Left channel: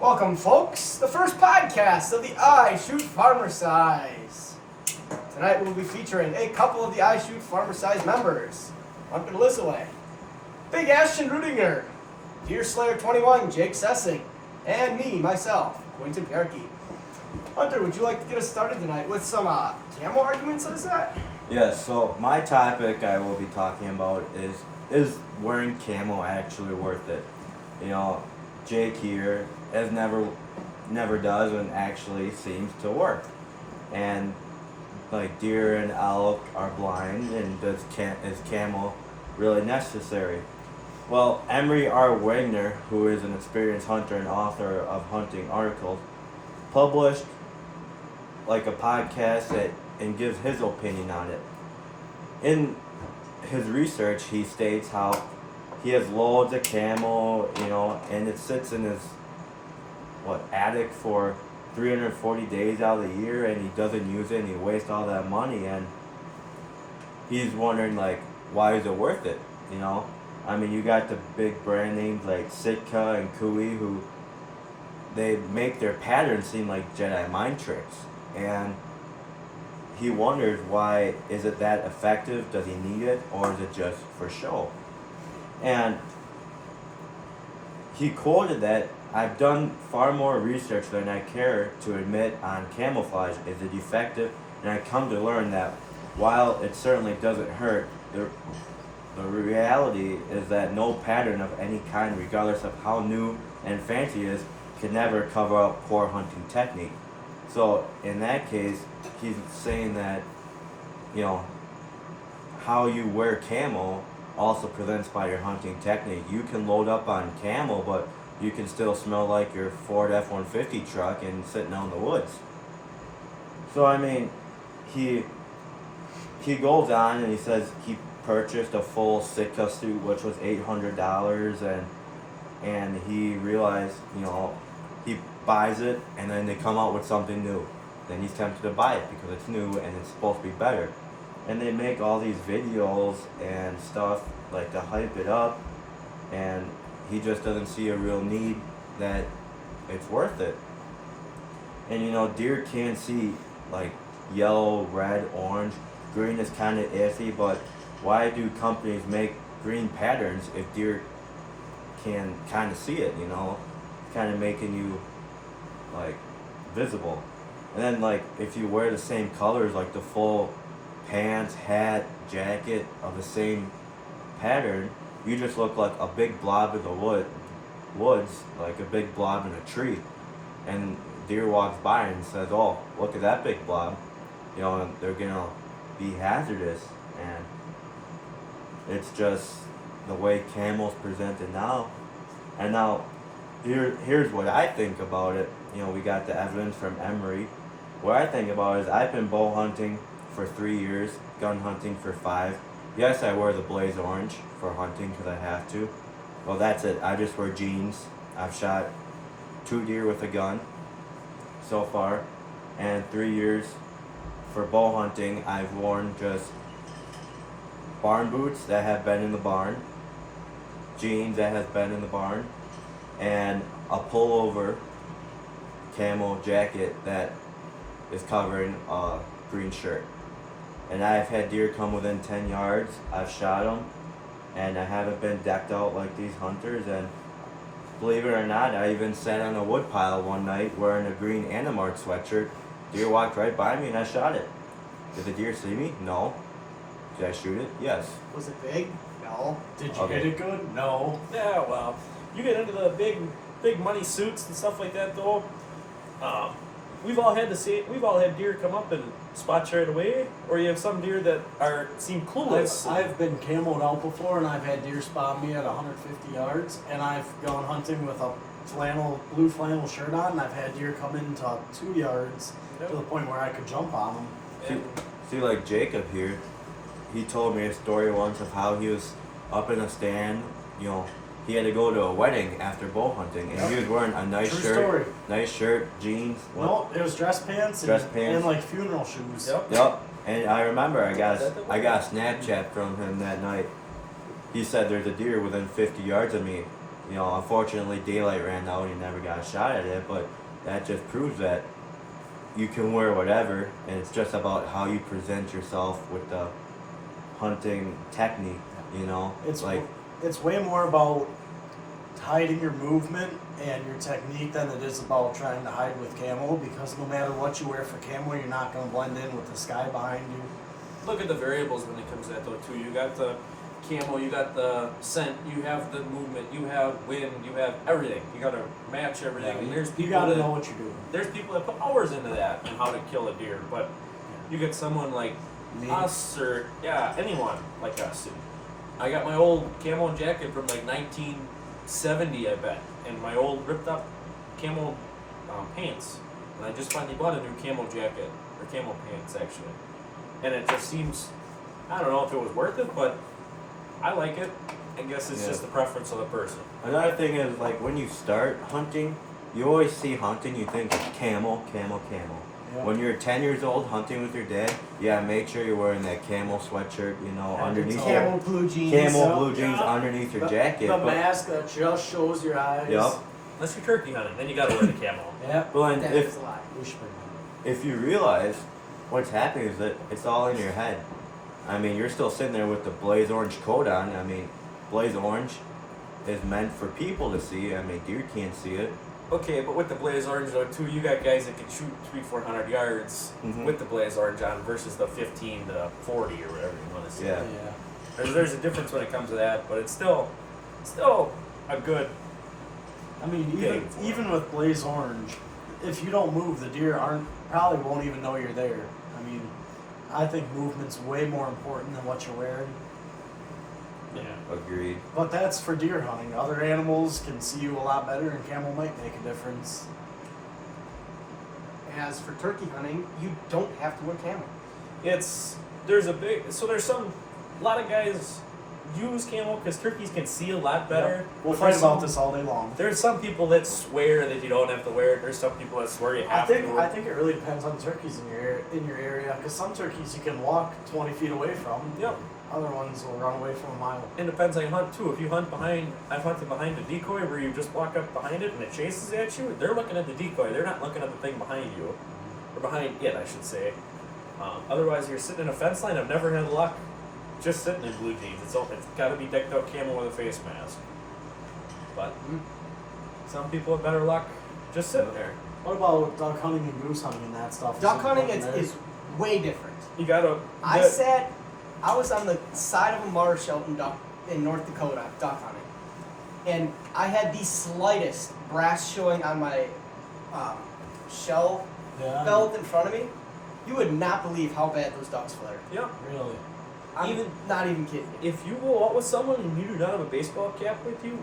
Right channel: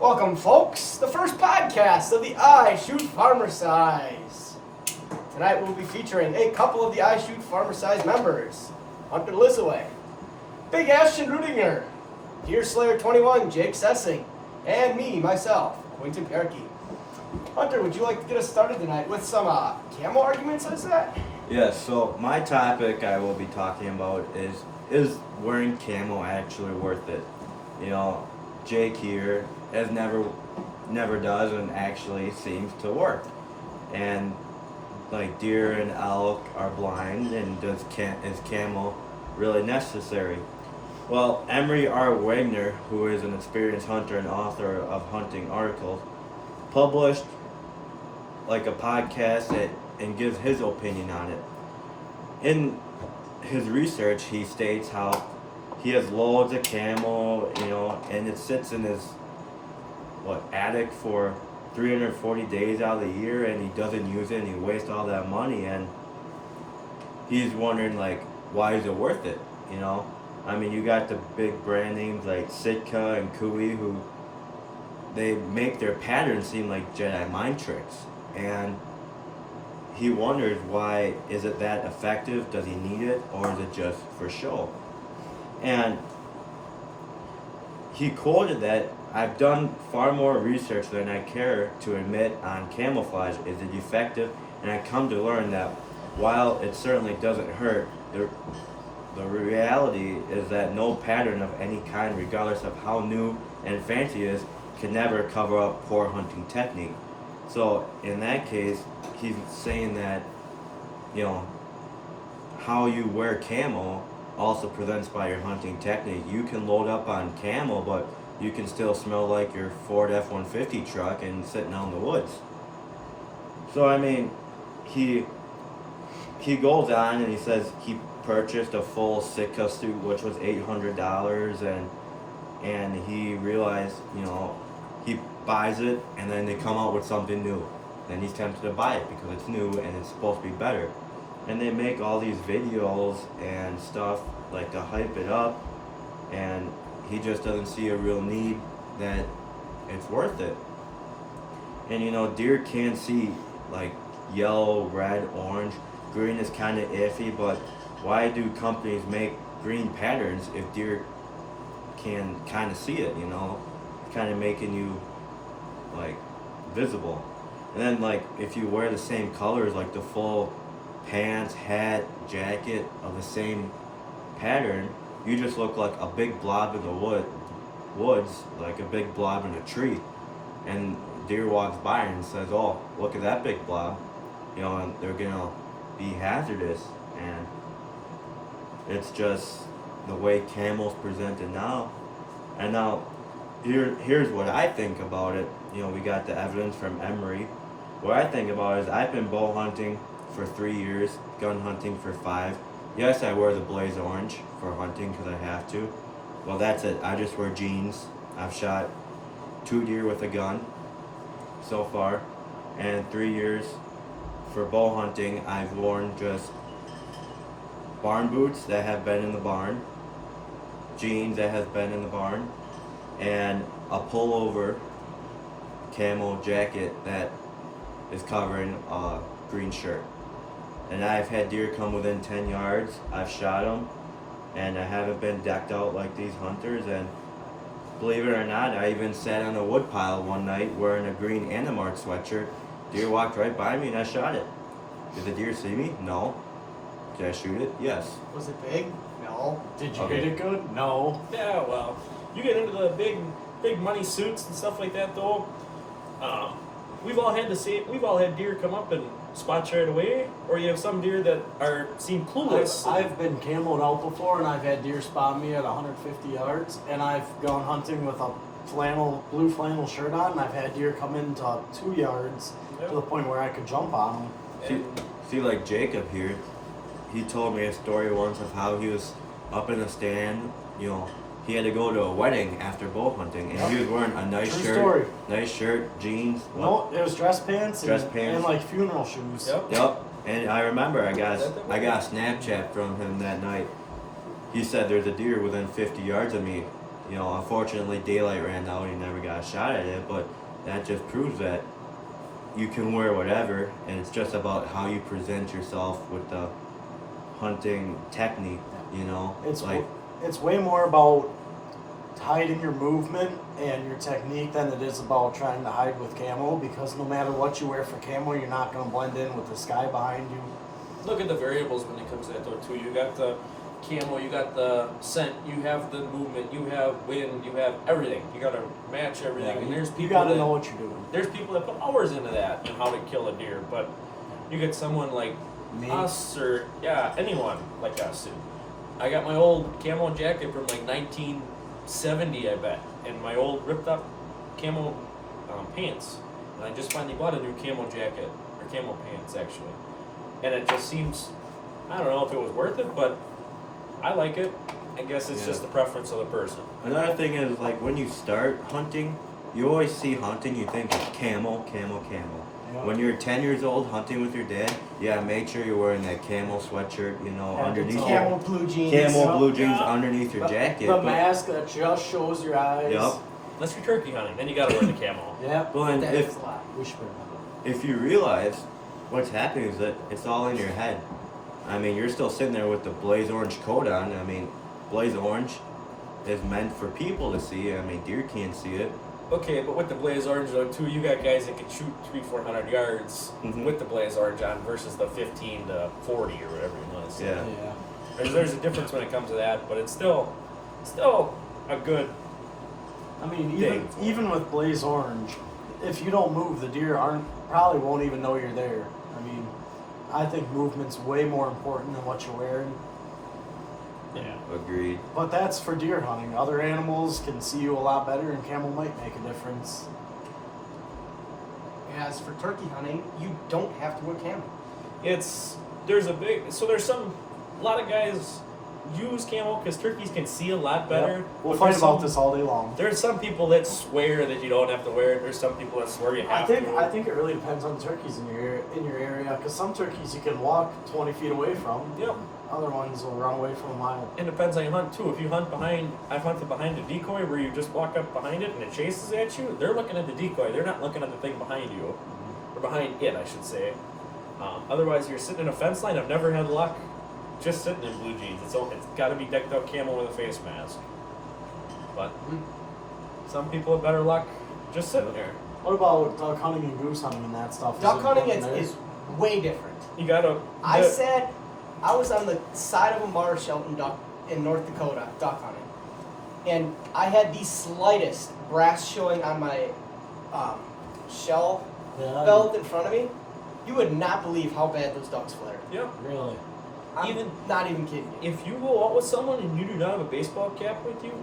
Welcome, folks. The first podcast of the I Shoot Farmer Size. Tonight we'll be featuring a couple of the I Shoot Farmer Size members. Hunter Lissaway, Big Ashton Rudinger, Deer Slayer 21, Jake Sessing, and me, myself, Quentin Bjarke. Hunter, would you like to get us started tonight with some camo arguments, is that? Yes, so my topic I will be talking about is wearing camo actually worth it? You know, Jake here has never does and actually seems to work. And like deer and elk are blind, and is camo really necessary? Well, Emery R. Wagner, who is an experienced hunter and author of hunting articles, published like a podcast and gives his opinion on it. In his research, he states how he has loads of camo, and it sits in his attic for 340 days out of the year, and he doesn't use it, and he wastes all that money, and he's wondering why is it worth it? I mean, you got the big brand names like Sitka and Kui, who they make their patterns seem like Jedi mind tricks, and he wonders why is it that effective? Does he need it, or is it just for show? And he quoted that I've done far more research than I care to admit on camouflage. Is it effective? And I come to learn that while it certainly doesn't hurt, the reality is that no pattern of any kind, regardless of how new and fancy it is, can never cover up poor hunting technique. So in that case, he's saying that, how you wear camo also presents by your hunting technique. You can load up on camo, but you can still smell like your Ford F-150 truck and sitting out in the woods. So I mean, he goes on and he says he purchased a full Sitka suit, which was $800, and he realized, he buys it, and then they come out with something new. Then he's tempted to buy it because it's new and it's supposed to be better. And they make all these videos and stuff to hype it up, and he just doesn't see a real need that it's worth it. And deer can see yellow, red, orange. Green is kind of iffy, but why do companies make green patterns if deer can kind of see it, kind of making you visible? And then if you wear the same colors, the full pants, hat, jacket of the same pattern, you just look like a big blob in the woods, like a big blob in a tree. And deer walks by and says, "Oh, look at that big blob," and they're gonna be hazardous. And it's just the way camo's presented now. And now, here's what I think about it. We got the evidence from Emery. What I think about it is I've been bow hunting for 3 years, gun hunting for 5. Yes, I wear the blaze orange for hunting because I have to. Well, that's it. I just wear jeans. I've shot 2 deer with a gun so far. And 3 years for bow hunting, I've worn just barn boots that have been in the barn, jeans that has been in the barn, and a pullover camo jacket that is covering a green shirt. And I've had deer come within 10 yards. I've shot them, and I haven't been decked out like these hunters. And believe it or not, I even sat on a wood pile one night wearing a green Animart sweatshirt. Deer walked right by me, and I shot it. Did the deer see me? No. Did I shoot it? Yes. Was it big? No. Did you hit it good? No. Yeah, well, you get into the big money suits and stuff like that, though. We've all had deer come up and spot you right away, or you have some deer that seem clueless. I've been camoed out before, and I've had deer spot me at 150 yards, and I've gone hunting with a blue flannel shirt on, and I've had deer come into 2 yards to the point where I could jump on them. See, like Jacob here, he told me a story once of how he was up in a stand, he had to go to a wedding after bow hunting, and he was wearing a nice shirt, jeans. No, it was dress pants and funeral shoes. Yep. And I remember I got a Snapchat from him that night. He said there's a deer within 50 yards of me. You know, unfortunately, daylight ran out and you never got a shot at it, but that just proves that you can wear whatever, and it's just about how you present yourself with the hunting technique, you know? It's way more about hiding your movement and your technique than it is about trying to hide with camo, because no matter what you wear for camo, you're not going to blend in with the sky behind you. Look at the variables when it comes to that though too. You got the camo, you got the scent, you have the movement, you have wind, you have everything. You got to match everything. And there's You people got to that know what you're doing. there's people that put hours into that and how to kill a deer. But you get someone like Me. us or anyone like us. I got my old camo jacket from like 1970, I bet, and my old ripped up camo pants. And I just finally bought a new camo jacket or camo pants actually. And it just seems, I don't know if it was worth it, but I like it. I guess it's Yeah. just the preference of the person. Another thing is, like, when you start hunting, you always see hunting, you think camo, camo, camo. Yeah. When you're 10 years old hunting with your dad, yeah, make sure you're wearing that camo sweatshirt, you know, Yeah, underneath it's your Camo blue jeans. camo blue jeans Yeah. underneath your jacket. The but, mask that just shows your eyes. Yep. Unless you're turkey hunting, then you gotta wear the camo. Yep. but That if is a lot. We should bring that. if you realize what's happening is that it's all in your head. I mean, you're still sitting there with the blaze orange coat on. I mean, blaze orange is meant for people to see. I mean, deer can't see it. Okay, but with the blaze orange though too, you got guys that can shoot 300-400 yards Mhm. with the blaze orange on versus the 15 to 40 or whatever you want to say. Yeah. There's a difference when it comes to that, but it's still a good. I mean, Thing for even with blaze orange, if you don't move, the deer probably won't even know you're there. I mean, I think movement's way more important than what you're wearing. Yeah. Agreed. But that's for deer hunting. Other animals can see you a lot better, and camo might make a difference. As for turkey hunting, you don't have to wear camo. There's a lot of guys use camo because turkeys can see a lot better. Yep. We'll but fight there's about some- this all day long. There's some people that swear that you don't have to wear it. There's some people that swear you I have think to. I think it really depends on turkeys in your area, because some turkeys you can walk 20 feet away from. Yep. Other ones will run away from a mile. It depends how you hunt too. If you hunt behind, I've hunted behind a decoy where you just walk up behind it and it chases at you. They're looking at the decoy. They're not looking at the thing behind you, or behind it, I should say. Otherwise, you're sitting in a fence line. I've never had luck just sitting in blue jeans. It's got to be decked out camo with a face mask. But some people have better luck just sitting there. What about duck hunting and goose hunting and that stuff? Duck it hunting important there? is way different. You gotta. I was on the side of a marsh out in North Dakota duck hunting, and I had the slightest brass showing on my shell Yeah, belt in front of me. You would not believe how bad those ducks flared. Yeah. really. I'm not even kidding you. If you go out with someone and you do not have a baseball cap with you,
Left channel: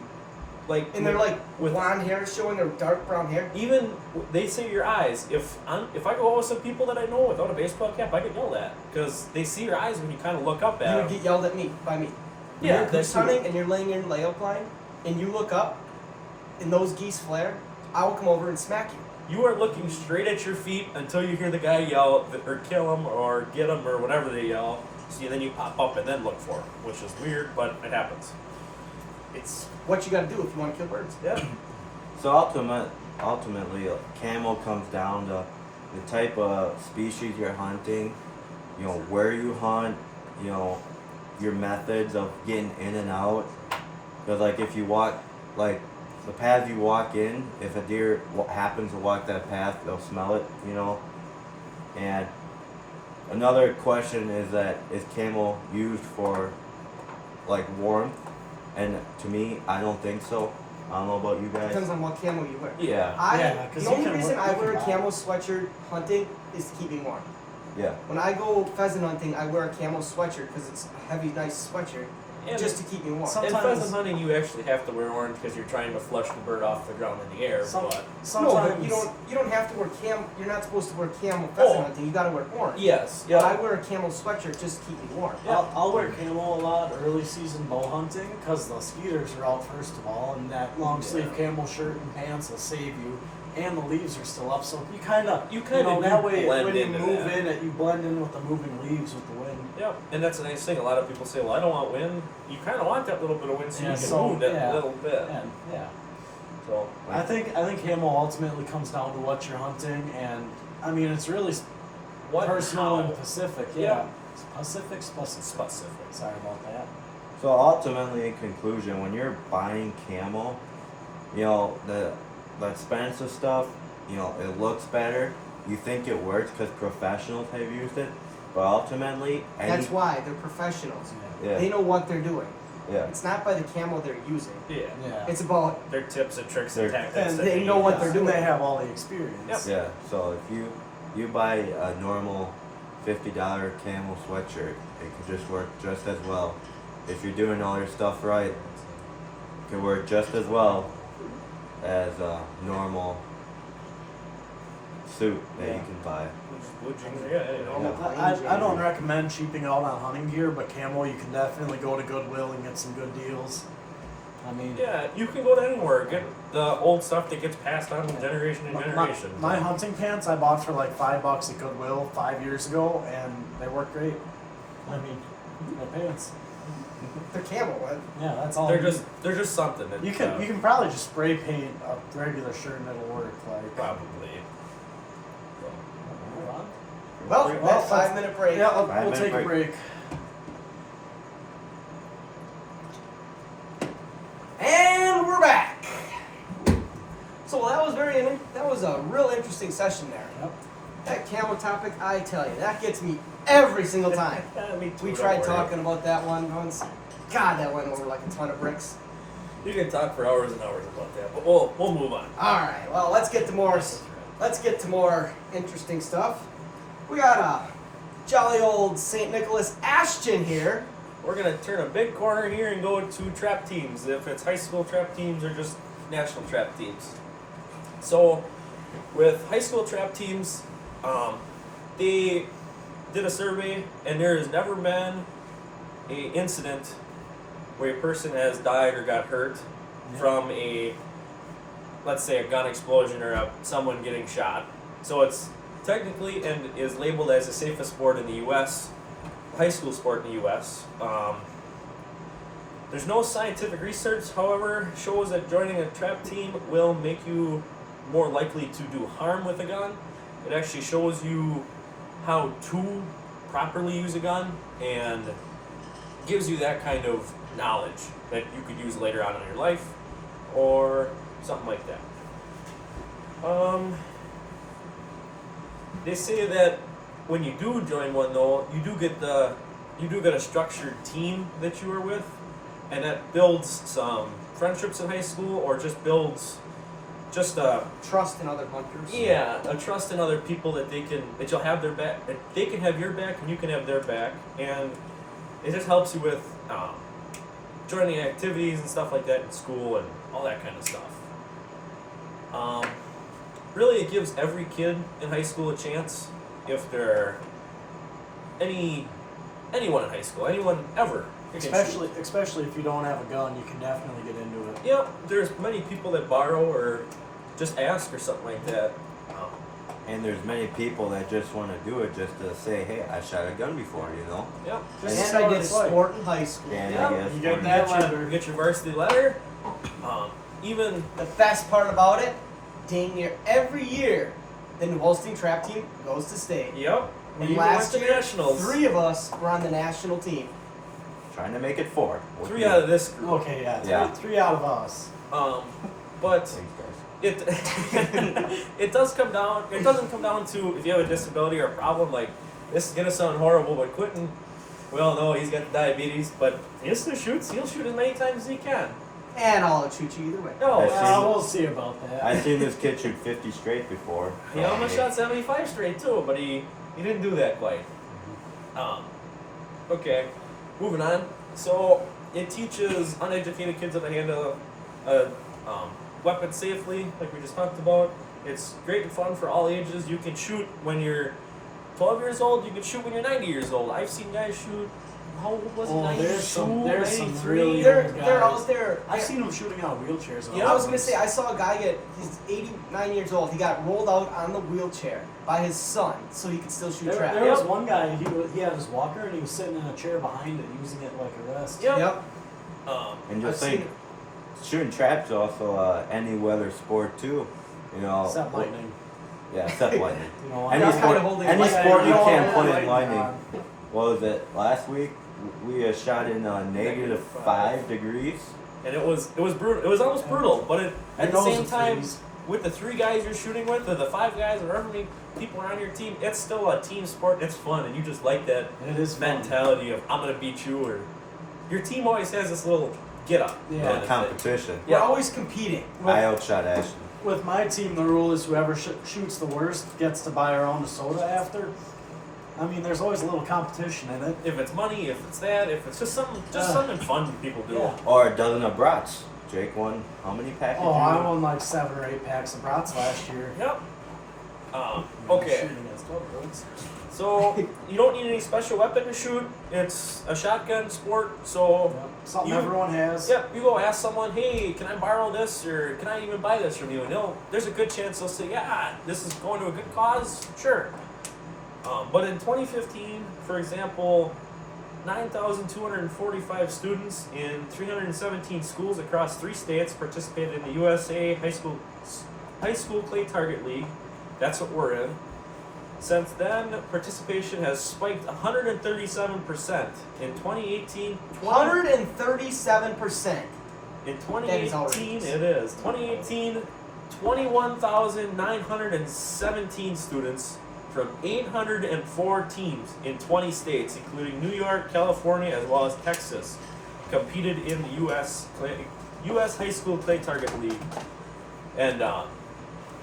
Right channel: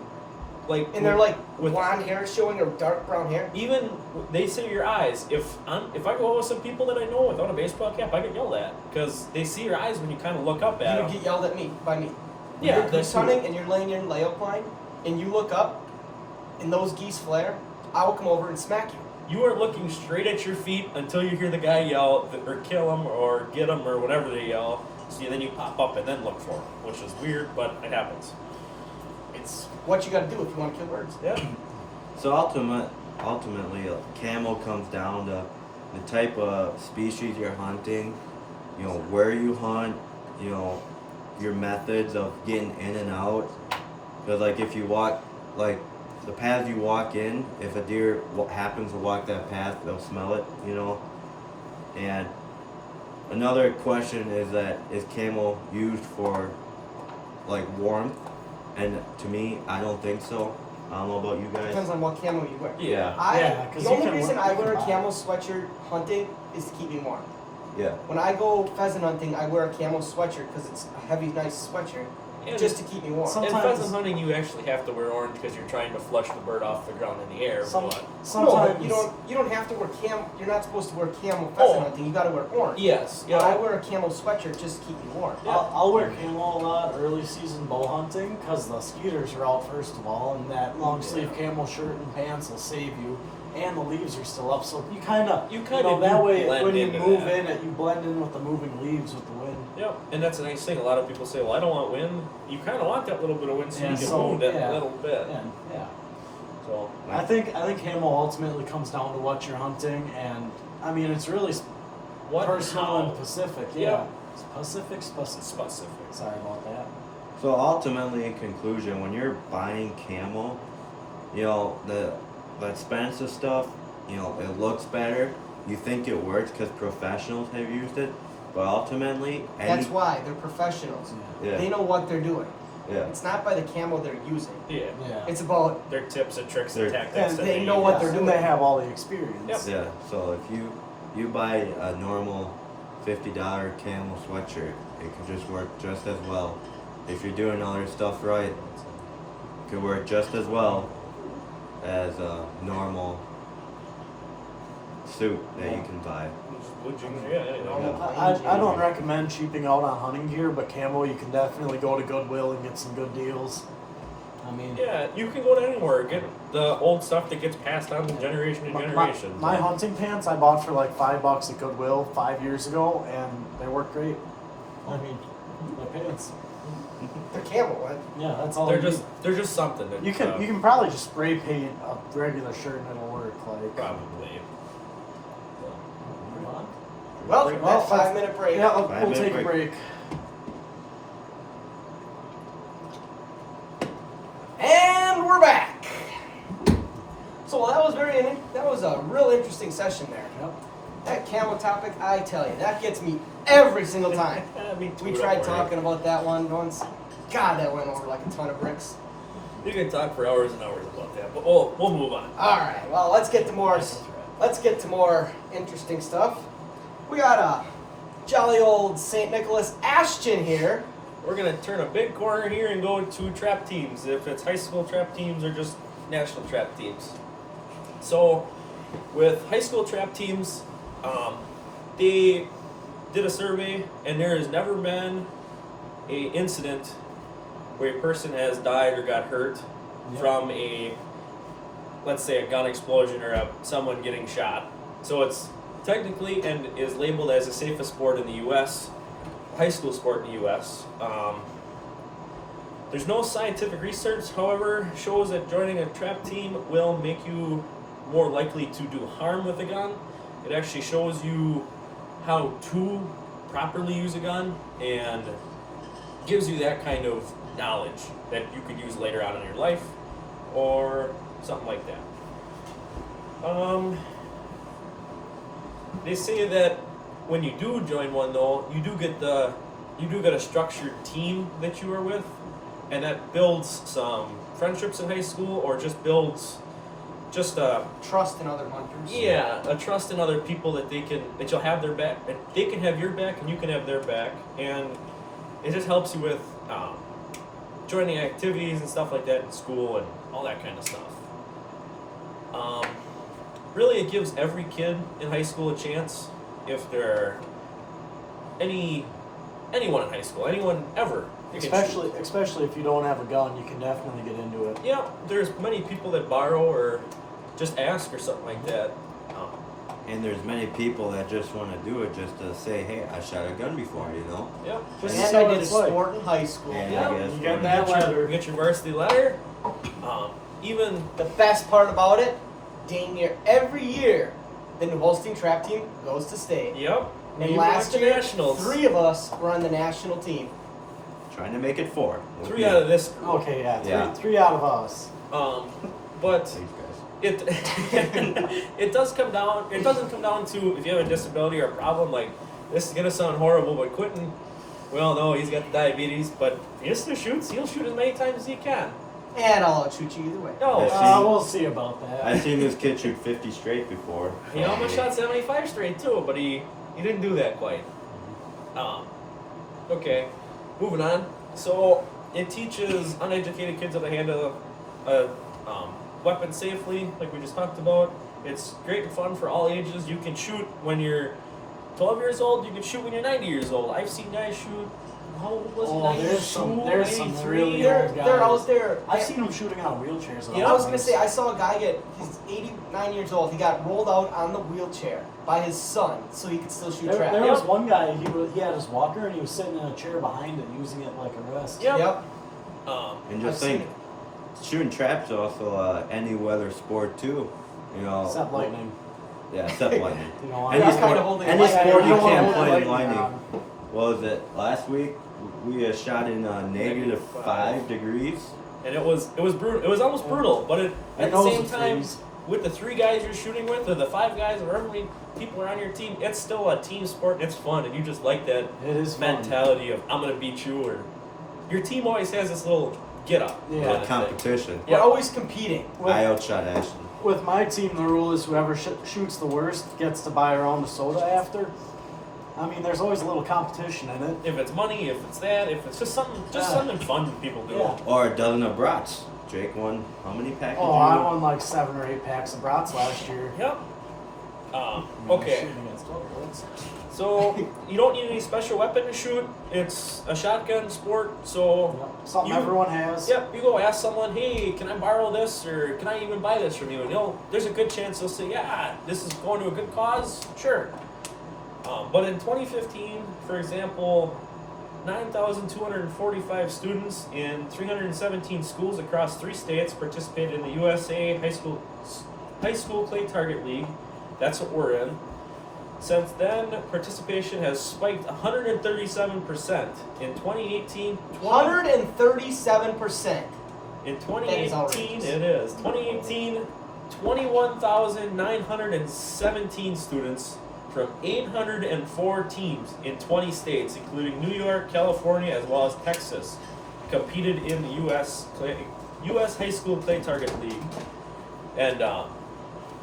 like And they're like with blonde hair showing or dark brown hair. even they say your eyes. If I go out with some people that I know without a baseball cap, I get yelled at because they see your eyes when you kind of look up You at would them. get yelled at by me. When Yeah, you're goose that's hunting and you're laying in layout line and you look up and those geese flare, I will come over and smack you. You are looking straight at your feet until you hear the guy yell or kill him or get him or whatever they yell. So then you pop up and then look for him, which is weird, but it happens. It's what you got to do if you want to kill birds. Yeah. So ultimately, camo comes down to the type of species you're hunting, you know, where you hunt, you know, your methods of getting in and out. Because like if you walk, like the path you walk in, if a deer happens to walk that path, they'll smell it, you know. And another question is that is camo used for like warmth? And to me, I don't think so. I don't know about you guys. Depends on what camo you wear. Yeah. Yeah, 'cause The you only can reason wear- I you wear a can camo buy- sweatshirt hunting is to keep me warm. Yeah. When I go pheasant hunting, I wear a camo sweatshirt because it's a heavy, nice sweatshirt And just to keep me warm. Some- In Sometimes- pheasant hunting, you actually have to wear orange because you're trying to flush the bird off the ground in the air. Some- But No, but Sometimes you don't have to wear camo. You're not supposed to wear camo pheasant Oh. hunting. You got to wear orange. yes, But I yeah. wear a camo sweatshirt just to keep me warm. Yeah. I'll wear camo a lot early season bow hunting because the skeeters are out first of all, and that long sleeve camo shirt and pants will save you. And the leaves are still up, so you kind of kinda that do way blend when you into move that. in, you blend in with the moving leaves with the wind. Yep, and that's a nice thing. A lot of people say, "Well, I don't want wind." you kind of want that little bit of wind so Yeah, you can so, move that yeah. little bit. And, yeah. So I think camo ultimately comes down to what you're hunting, and I mean it's really what personal how? and specific. Yeah. Yeah. Specific. Specific. Sorry about that. So ultimately, in conclusion, when you're buying camo, you know the expensive stuff, you know it looks better. You think it works because professionals have used it, but ultimately, That's why they're professionals. yeah, They know what they're doing. yeah. It's not by the camo they're using. Yeah. Yeah. It's about Their tips and tricks and They're- tactics. And that they know use. what they're And doing. they have all the experience. Yep. Yeah, so if you buy a normal $50 camo sweatshirt, it can just work just as well. If you're doing all your stuff right, it can work just as well as a normal suit that you can buy. Would you? Yeah. normal I plain don't Jane. recommend cheaping out on hunting gear, but camo you can definitely go to Goodwill and get some good deals. I mean, Yeah, you can go to anywhere, get the old stuff that gets passed on from generation to generation. my hunting pants I bought for like $5 at Goodwill 5 years ago, and they work great. I mean, they're pants. The camo one. Yeah, that's all. they're you just something. That, need. You can probably just spray paint a regular shirt and it'll work. Like probably. So, Move on. Well, Well, that 5-minute break. Yeah, we'll 5-minute take a break. break. And we're back. So that was a real interesting session there. Yep. That camo topic, I tell you, that gets me every single time. me too, We don't tried worry. talking about that one once. God, that went over like a ton of bricks. You can talk for hours and hours about that, but we'll move on. All right, well, let's get to more interesting stuff. We got a jolly old St. Nicholas Ashton here. We're gonna turn a big corner here and go to trap teams, if it's high school trap teams or just national trap teams. So, with high school trap teams, they did a survey, and there has never been a incident where a person has died or got hurt from let's say a gun explosion or someone getting shot. So it's technically and is labeled as the safest sport in the U.S., high school sport in the U.S. There's no scientific research, however, shows that joining a trap team will make you more likely to do harm with a gun. It actually shows you how to properly use a gun and gives you that kind of knowledge that you could use later on in your life or something like that. They say that when you do join one, though, you do get a structured team that you are with, and that builds some friendships in high school, or just builds a Trust in other hunters. a trust in other people that you'll have their back, that they can have your back and you can have their back, and it just helps you with joining activities and stuff like that in school and all that kind of stuff. Really, it gives every kid in high school a chance. If they're anyone in high school, anyone ever, you can shoot. Especially if you don't have a gun, you can definitely get into it. Yeah, there's many people that borrow or just ask or something like that. And there's many people that just want to do it just to say, hey, I shot a gun before, you know? Yep. Just And so I did it's like- sport in high school. And Yeah, I guess you for get me- that You letter. get your varsity letter. Even The best part about it, dang near every year, the New Holstein trap team goes to state. yep. We And even last went to year, nationals. 3 of us were on the national team. Trying to make it 4. with Three me. out of this group. Okay, yeah, Yeah. three out of us. But Thanks, guys. it doesn't come down to if you have a disability or a problem. Like, this is gonna sound horrible, but Quentin, we all know he's got diabetes, but he still shoots. He'll shoot as many times as he can. And I'll shoot you either way. No, I see. We'll see about I've that. seen this kid shoot 50 straight before. he almost shot 75 straight too, but he didn't do that quite. Okay, moving on. So it teaches uneducated kids how to handle a weapon safely, like we just talked about. It's great and fun for all ages. You can shoot when you're 12 years old. You can shoot when you're 90 years old. I've seen guys shoot how old was he? Oh, 92, there's some really 93? They're out there. I've seen them shooting out of wheelchairs. Yeah, I was gonna say I saw a guy he's 89 years old. He got rolled out on the wheelchair by his son so he could still shoot There trap. was one guy, he had his walker and he was sitting in a chair behind it using it like a rest. Yep. Yep. And I've just seen think, it. shooting traps is also any weather sport too. You know. Except lightning. Yeah, except lightning. You know, Any I'm sport, kinda holding any lightning. sport you Yeah, can't I'm play in holding lightning. on. What was it? Last week we shot in negative -5 5 degrees. And it was brutal. It was almost brutal, but at the knows same it time, freeze. with the 3 guys you're shooting with, or the 5 guys, or however many people are on your team, it's still a team sport. It's fun, and you just like that It is fun. mentality of I'm gonna beat you, or your team always has this little get up. Yeah. kind of thing. Competition. We're Yeah. always competing. I outshot Ashton. With my team, the rule is whoever shoots the worst gets to buy their own soda after. I mean, there's always a little competition in it. If it's money, if it's that, if it's just something fun people do. Yeah. Or a dozen of brats. Jake won how many packages? Oh, I won like 7 or 8 packs of brats last year. Yep. Okay. Shooting against 12 bullets. So you don't need any special weapon to shoot. It's a shotgun sport. So Yeah. Something You- everyone has. yep, you go ask someone, hey, can I borrow this, or can I even buy this from you? And there's a good chance they'll say, yeah, this is going to a good cause. Sure. But in 2015, for example, 9,245 students in 317 schools across 3 states participated in the USA High School Clay Target League. That's what we're in. Since then, participation has spiked 137% in 2018. 137%. In That is 2018, outrageous. it is. 2018, 21,917 students from 804 teams in 20 states, including New York, California, as well as Texas, competed in the U.S. High School Clay Target League. And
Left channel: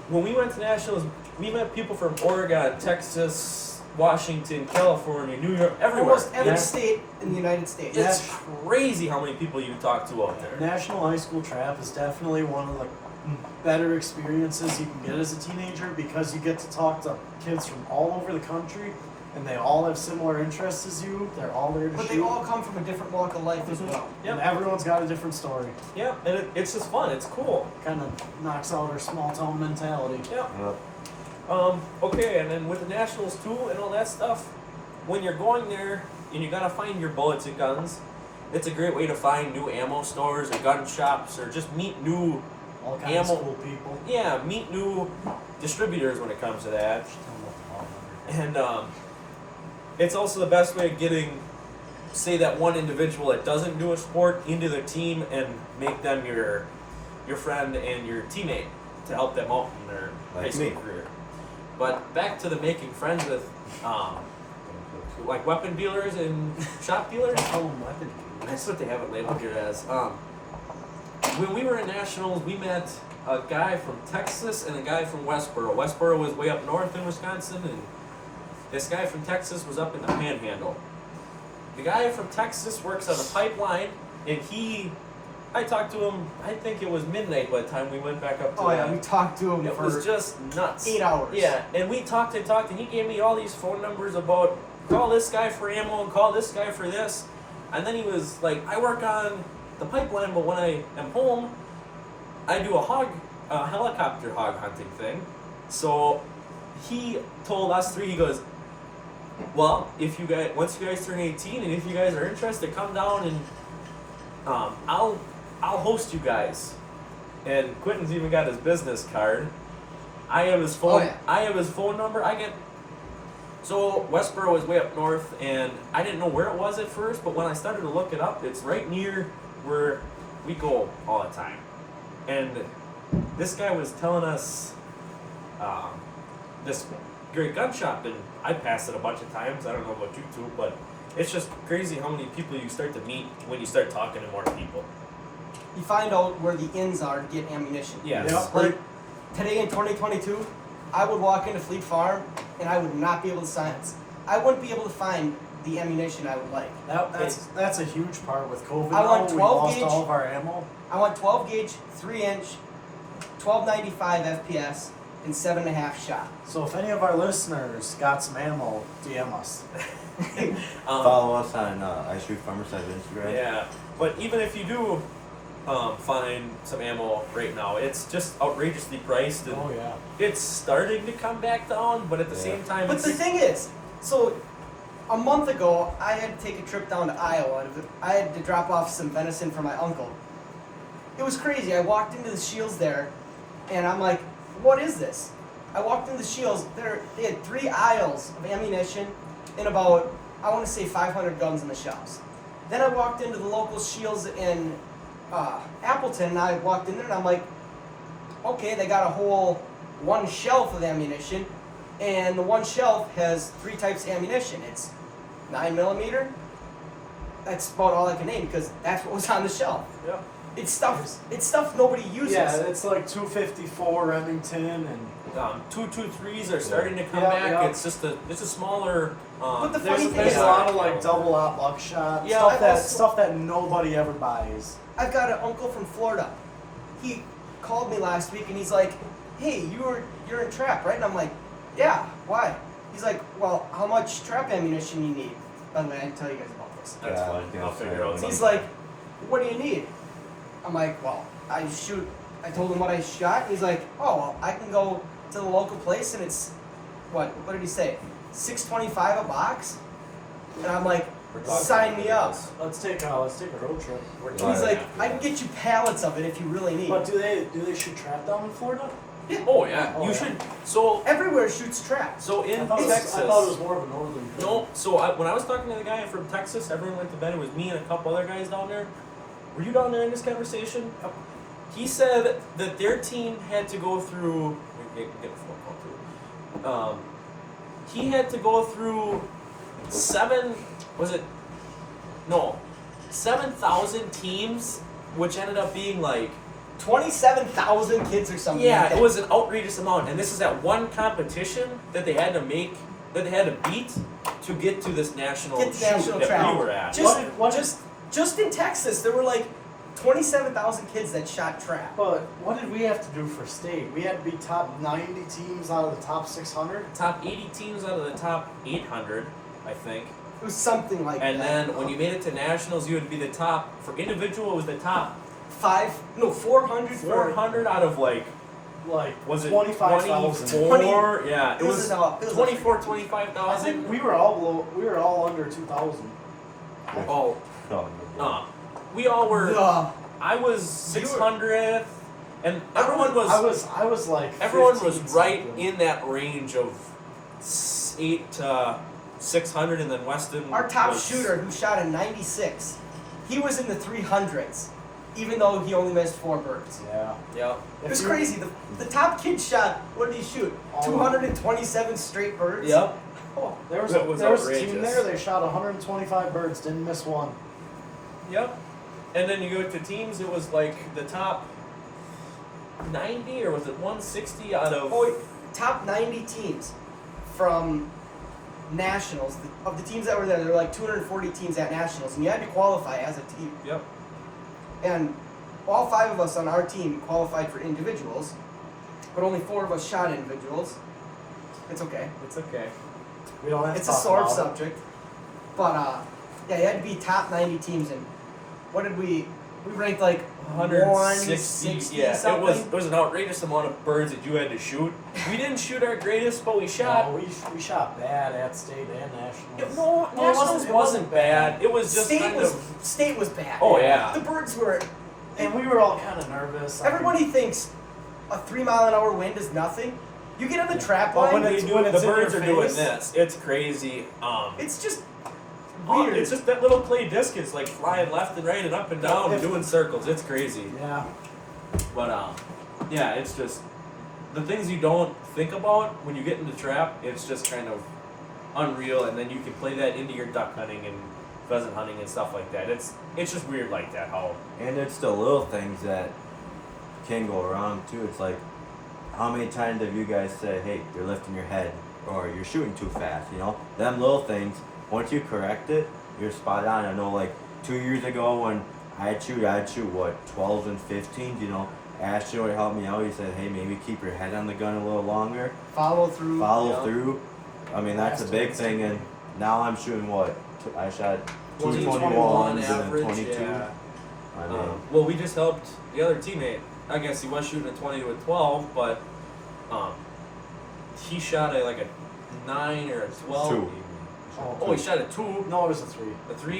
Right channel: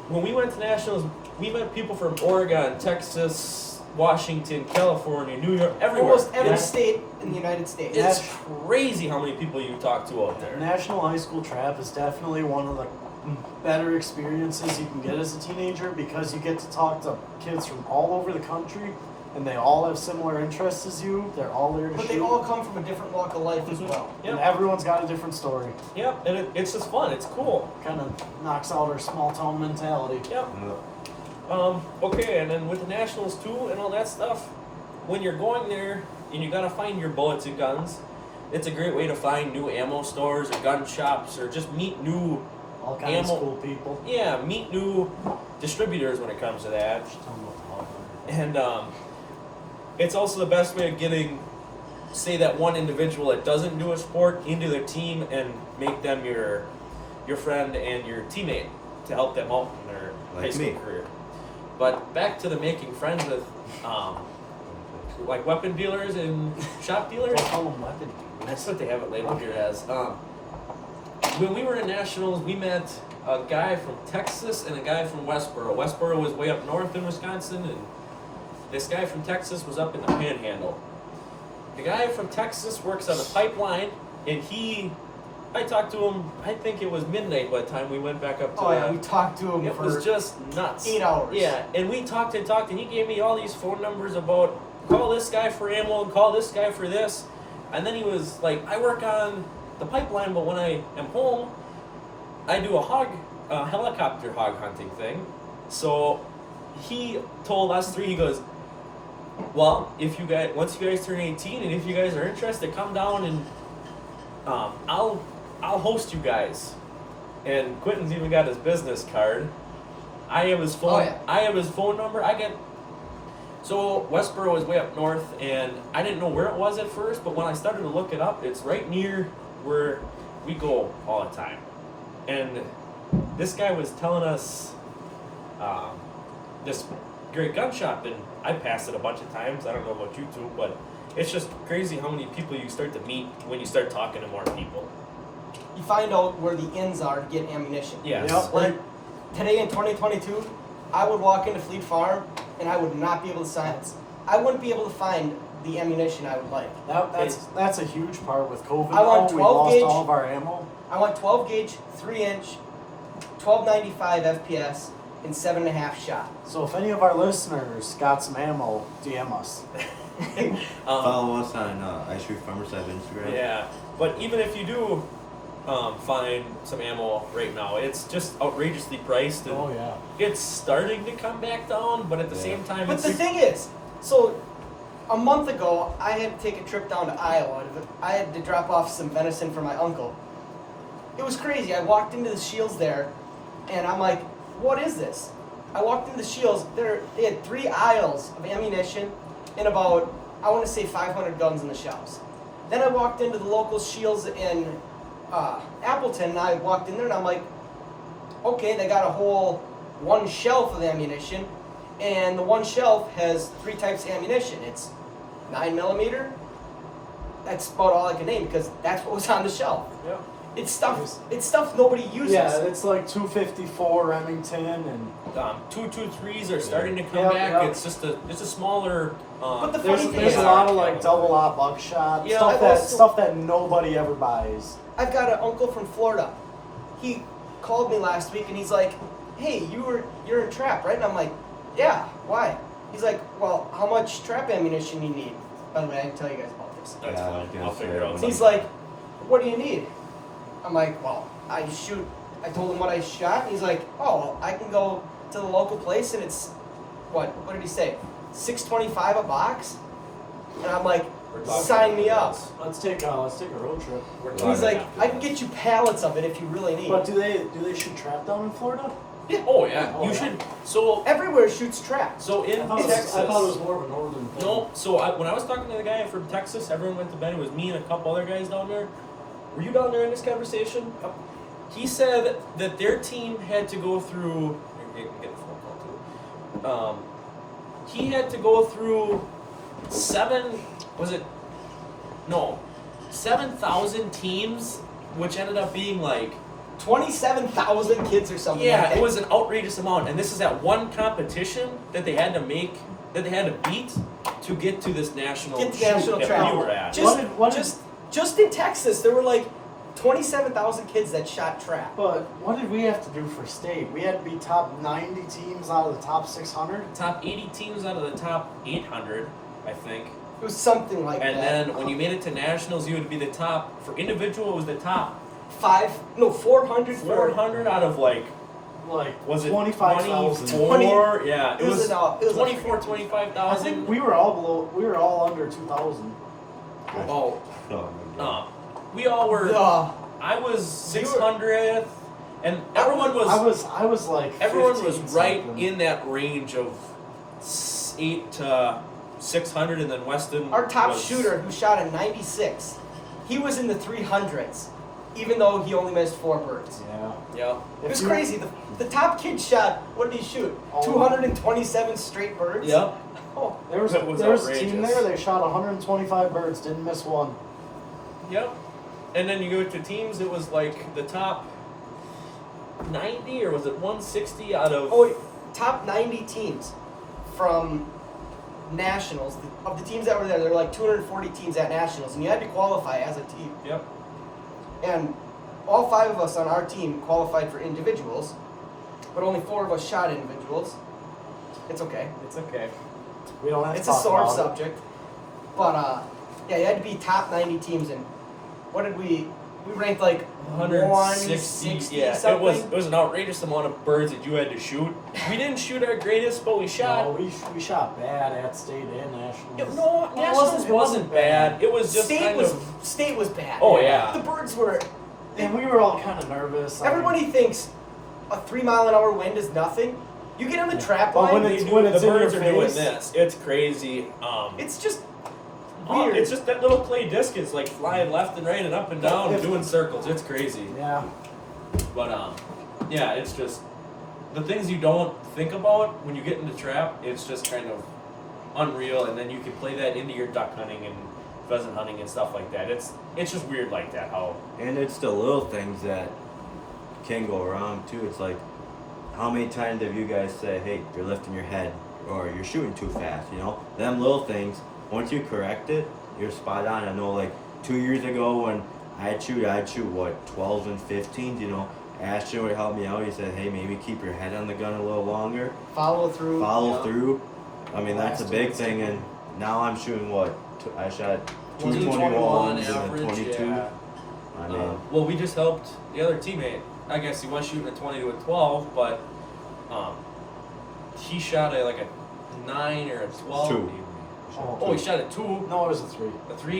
when we went to nationals, we met people from Oregon, Texas, Washington, California, New York, everywhere. Almost every Yeah. state in the United States. It's crazy how many people you talk to out there. National High School Trap is definitely one of the better experiences you can get as a teenager because you get to talk to kids from all over the country and they all have similar interests as you. They're all there to But they shoot. all come from a different walk of life as well. And Yep. everyone's got a different story. Yep, and it's just fun. It's cool. Kind of knocks out our small town mentality. Yep. Uh, Okay, and then with the nationals too and all that stuff, when you're going there and you gotta find your bullets and guns, it's a great way to find new ammo stores or gun shops or just meet new, All kinds Ammo. of cool people. meet new distributors when it comes to that. Just tell them what the hog hunter. And it's also the best way of getting, say, that one individual that doesn't do a sport into the team and make them your friend and your teammate to help them out in their Like high school me. career. But back to the making friends with, like weapon dealers and shop dealers. Don't call them weapon dudes. That's what they have it labeled here as. When we were in nationals, we met a guy from Texas and a guy from Westboro. Westboro was way up north in Wisconsin, and this guy from Texas was up in the Panhandle. The guy from Texas works on the pipeline, and I talked to him. I think it was midnight by the time we went back up to Oh yeah, that. we talked to him It for was just nuts. 8 hours. Yeah, and we talked, and he gave me all these phone numbers about call this guy for ammo and call this guy for this. And then he was like, I work on the pipeline, but when I am home, I do a helicopter hog hunting thing. So he told us 3, he goes, well, once you guys turn 18 and if you guys are interested, come down and I'll host you guys. And Quentin's even got his business card. I have his phone. Oh, yeah. I have his phone number. So Westboro is way up north, and I didn't know where it was at first. But when I started to look it up, it's right near where we go all the time. And this guy was telling us this great gun shop, and I passed it a bunch of times. I don't know about you two, but it's just crazy how many people you start to meet when you start talking to more people. You find out where the inns are to get ammunition. Yes. Yep. Like today in 2022, I would walk into Fleet Farm and I would not be able to I wouldn't be able to find the ammunition I would like. That's a huge part with COVID. I want now. We 12 lost gauge. all of our ammo. I want 12 gauge, 3-inch, 1295 FPS, and 7.5 shot. So if any of our listeners got some ammo, DM us. Follow us on I Shoot Farmer Size Instagram. Yeah, but even if you do find some ammo right now, it's just outrageously priced. And Oh yeah. it's starting to come back down, but at the Yeah. same time, But it's the thing is, so a month ago, I had to take a trip down to Iowa. I had to drop off some venison for my uncle. It was crazy. I walked into the Shields there, and I'm like, what is this? I walked into the Shields. They had 3 aisles of ammunition and about, I want to say 500 guns in the shelves. Then I walked into the local Shields in Appleton, and I walked in there, and I'm like, okay, they got a whole one shelf of ammunition, and the one shelf has 3 types of ammunition. It's 9mm. That's about all I can name because that's what was on the shelf. yeah. It's stuff nobody uses. Yeah, it's like 254 Remington and 223s are starting to come Yeah, back. yeah. It's a smaller. But the there's, funny thing there's is, a lot of like double aught buckshot Yeah, stuff I've that also- stuff that nobody ever buys. I've got an uncle from Florida. He called me last week and he's like, "Hey, you're in trap, right?" And I'm like, "Yeah, why?" He's like, "Well, how much trap ammunition do you need?" By the way, I can tell you guys about this. That's Yeah, fine. yeah, I'll figure it out. sorry. He's like, "What do you need?" I'm like, "Well, I told him what I shot, and he's like, "Oh, well, I can go to the local place, and it's what did he say? $6.25 a box?" And I'm like, We're talking "Sign me up." Let's take a road trip. We're He's talking like, after "I can this. get you pallets of it if you really need." But do they shoot trap down in Florida? Oh yeah, Oh, you yeah. should. So Everywhere shoots traps. in I thought, Texas. I thought it was more of a northern thing. No, so when I was talking to the guy from Texas, everyone went to bed. It was me and a couple other guys down there. Were you down there in this conversation? Yep. He said that their team had to go through. Get a phone call too. He had to go through 7,000 teams, which ended up being like 27,000 kids or something. yeah, like that. it was an outrageous amount, and this is at one competition that they had to beat to get to this national Get the shoot national that travel. we were at. Just in Texas, there were like 27,000 kids that shot trap. But what did we have to do for state? We had to be top 90 teams out of the top 600. Top 80 teams out of the top 800, I think. It was something like And that. then when you made it to nationals, you would be the top for individual. It was the top 400 for 400 out of like Like was it 25,000. 24? Yeah, It was 24, I 25,000. think we were all below. We were all under 2,000. Oh, Oh my god. we all were. Ugh. I was You were- 600th, and everyone was. I was like. Everyone was 15 right something. in that range of 8 to 600, and then Weston. Our top was, shooter, who shot a 96, he was in the 300s, even though he only missed 4 birds. Yeah. Yeah. It was If you- crazy. The top kid shot, what did he shoot? Oh. 227 straight birds? Yep. Oh, There was, That was there was a team outrageous. there. They shot 125 birds, didn't miss one. Yep. And then you go to teams. It was like the top 90, or was it 160 out of? oh, top 90 teams from nationals. Of the teams that were there were like 240 teams at nationals, and you had to qualify as a team. Yep. And all 5 of us on our team qualified for individuals, but only 4 of us shot individuals. It's okay. It's okay. We don't have It's to a talk sore about it. subject. But yeah, you had to be top 90 teams, and what did we ranked like 160 Yeah, something. it was an outrageous amount of birds that you had to shoot. We didn't shoot our greatest, but we shot. No, we shot bad at state and nationals. No, it nationals wasn't bad. It was just state kind was of. state was bad. Oh, yeah. The birds were. And we were all kind of nervous. I mean, Everybody thinks a 3-mile-an-hour wind is nothing. You get on the Yeah. trap But line. when They it's- do- when the it's in birds are your doing face. this. It's crazy. It's just Oh, weird. it's just that little clay disc is like flying left and right and up and down, doing circles. It's crazy. Yeah. But yeah, it's just the things you don't think about when you get into trap. It's just kind of unreal, and then you can play that into your duck hunting and pheasant hunting and stuff like that. It's just weird like that. How And it's the little things that can go wrong too. It's like, how many times have you guys said, "Hey, you're lifting your head," or "You're shooting too fast"? You know, them little things. Once you correct it, you're spot on. I know, like 2 years ago when I'd shoot what 12s and 15s. You know, Ashton would help me out. He said, "Hey, maybe keep your head on the gun a little longer. follow through. Follow Yeah. through." I mean, that's a big thing, and now I'm shooting what? I shot 221 221 and then average, 22. yeah. I mean, Well, we just helped the other teammate. I guess he was shooting a 20 to a 12, but he shot a 9 or a 12. 2. Oh, he shot a 2. No, it was a 3. A 3?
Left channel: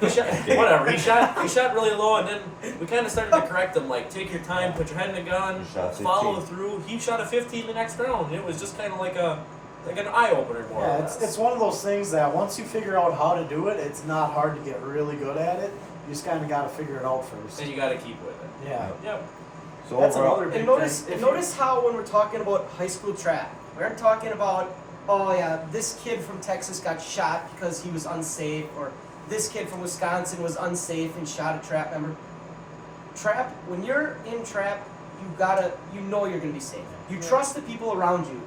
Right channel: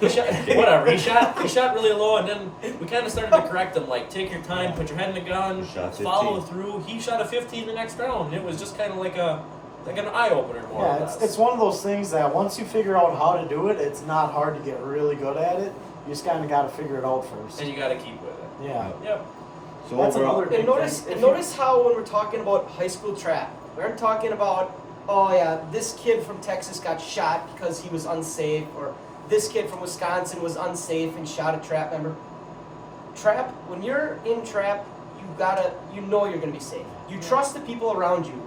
He shot, whatever. He shot really low, and then we kind of started to correct him. Like, take your time, put your head in the gun, He shot 15. follow through. He shot a 15 the next round. It was just kind of like an eye opener, more or Yeah, less. it's one of those things that once you figure out how to do it, it's not hard to get really good at it. You just kind of got to figure it out first. And you got to keep with it. Yeah. Yep. so That's overall, another big And notice, thing. If notice how when we're talking about high school trap, we aren't talking about, oh yeah, this kid from Texas got shot because he was unsafe, or this kid from Wisconsin was unsafe and shot a trap member. Trap, when you're in trap, you know you're gonna be safe. You Yeah. trust the people around you.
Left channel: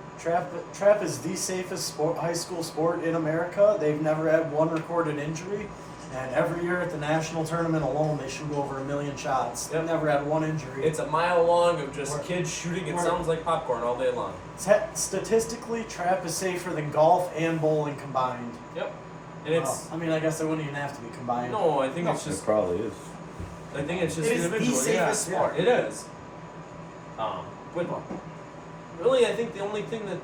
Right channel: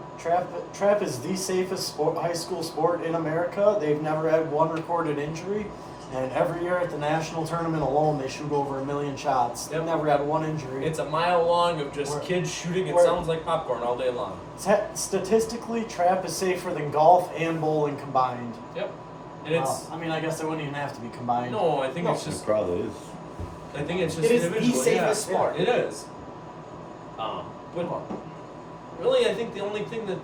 Trap is the safest high school sport in America. They've never had one recorded injury, and every year at the national tournament alone, they shoot over 1 million shots. They've Yep. never had one injury. It's a mile long of just Where- kids shooting. It where- sounds like popcorn all day long. Statistically, trap is safer than golf and bowling combined. Yep. And it's I mean, I guess they wouldn't even have to be combined. no, I think No. it's it just. probably is. I think it's just It is the individual. safest yeah. sport. It is. But really, I think the only thing that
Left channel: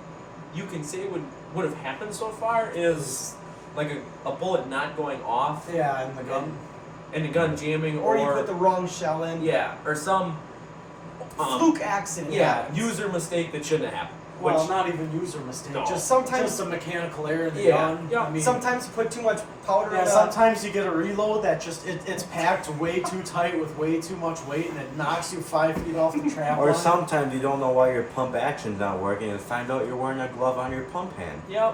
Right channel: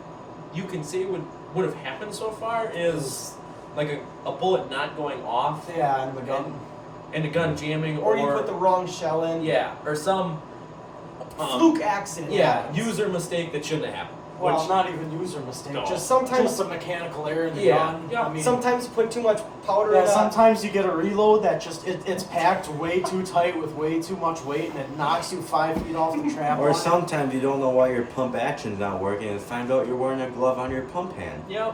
you can say would have happened so far is like a bullet not going off Yeah, and the gun. and the gun jamming, Or you put the wrong shell in. yeah, or some Fluke accident. yeah happens. user mistake that shouldn't have happened. Well, Which, not even user mistake. No. Just Sometimes- just a mechanical error in the Yeah, gun. yeah. I mean, Sometimes you put too much powder yeah, in sometimes you get a reload that just it's packed way too tight with way too much weight, and it knocks you 5 feet off the trap Or line. sometimes you don't know why your pump action's not working and find out you're wearing a glove on your pump hand. yeah,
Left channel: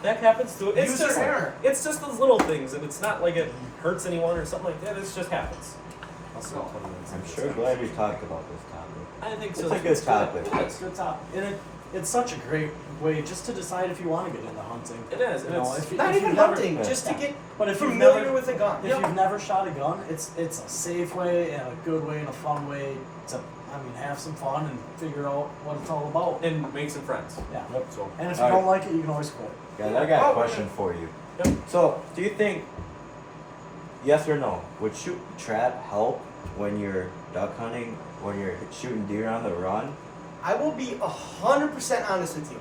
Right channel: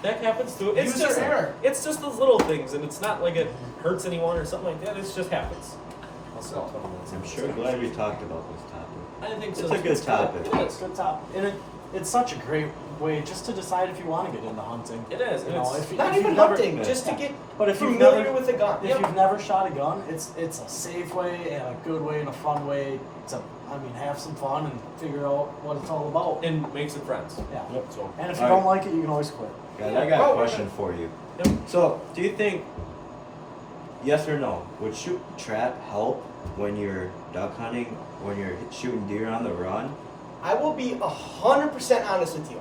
that happens too. It's User just error. it's just those little things, and it's not like it hurts anyone or something like that. It just happens. I'll stop 20 minutes I'm into sure this glad we talked about this topic. I think It's so. a good topic. It It's is. a good top, and it's such a great way just to decide if you want to get into hunting. It is. You And know, it's, Not if even you've never- hunting, yeah. just to get But if you've familiar never with a gun. if you've never shot a gun, it's a safe way and a good way and a fun way to have some fun and figure out what it's all about. and make some friends. Yeah. So And if you All don't right. like it, you can always quit. Guys, Yeah. I got Oh, a question for you. Yep. So, do you think, yes or no, would shoot trap help when you're duck hunting, when you're shooting deer on the run? I will be 100% honest with you.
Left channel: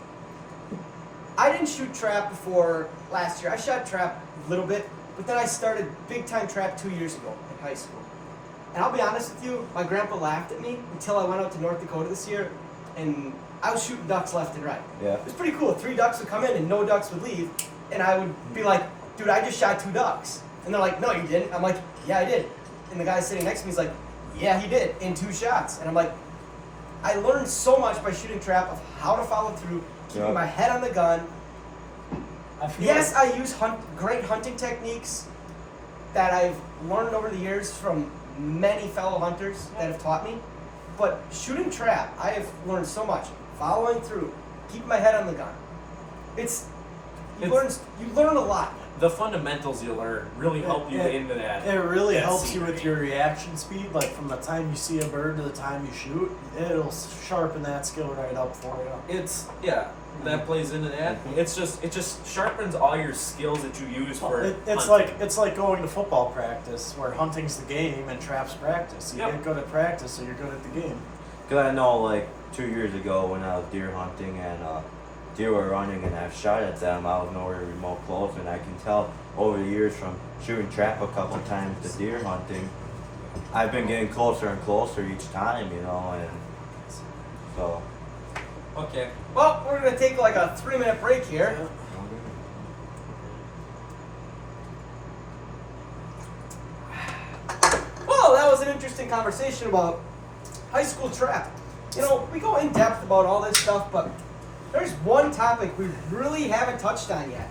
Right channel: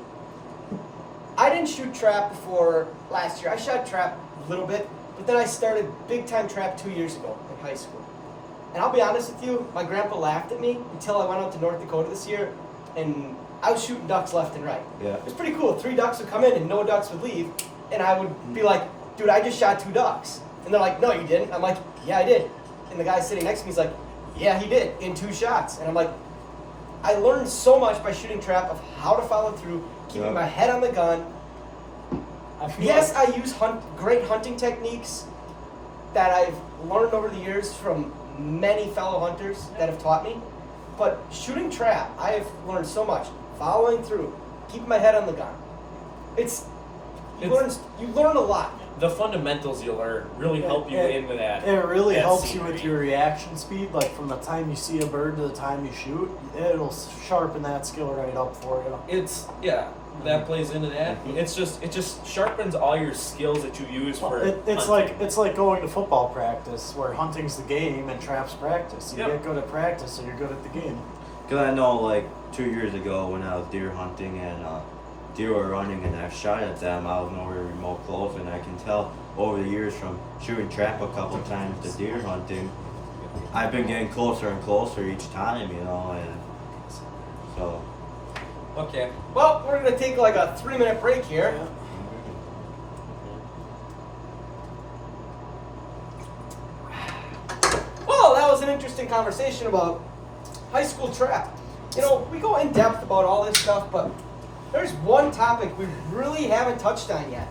I didn't shoot trap before last year. I shot trap a little bit, but then I started big time trap 2 years ago in high school. And I'll be honest with you, my grandpa laughed at me until I went out to North Dakota this year, and I was shooting ducks left and right. Yeah. It was pretty cool. 3 ducks would come in and no ducks would leave, and I would be like, dude, I just shot 2 ducks. And they're like, no, you didn't. I'm like, yeah, I did. And the guy sitting next to me is like, yeah, he did, in 2 shots. And I'm like, I learned so much by shooting trap of how to follow through, keeping Yeah. my head on the gun. I feel Yes, like, I use great hunting techniques that I've learned over the years from many fellow hunters that have taught me. But shooting trap, I have learned so much. Following through, keeping my head on the gun. You learn a lot. the fundamentals you learn really help you Yeah. into that. it really that helps you scenery. with your reaction speed. Like from the time you see a bird to the time you shoot, it'll sharpen that skill right up for you. It's that plays into that. Mhm. It just sharpens all your skills that you use for. It's hunting. like going to football practice, where hunting's the game and trap's practice. You Yep. get good at practice, so you're good at the game. Because I know, like, 2 years ago when I was deer hunting and deer were running and I shot at them, I was nowhere remote close, and I can tell over the years from shooting trap a couple times to deer hunting, I've been getting closer and closer each time, you know, and so. Okay. Well, we're going to take like a 3-minute break here. Well, that was an interesting conversation about high school trap. You know, we go in depth about all this stuff, but there's one topic we really haven't touched on yet.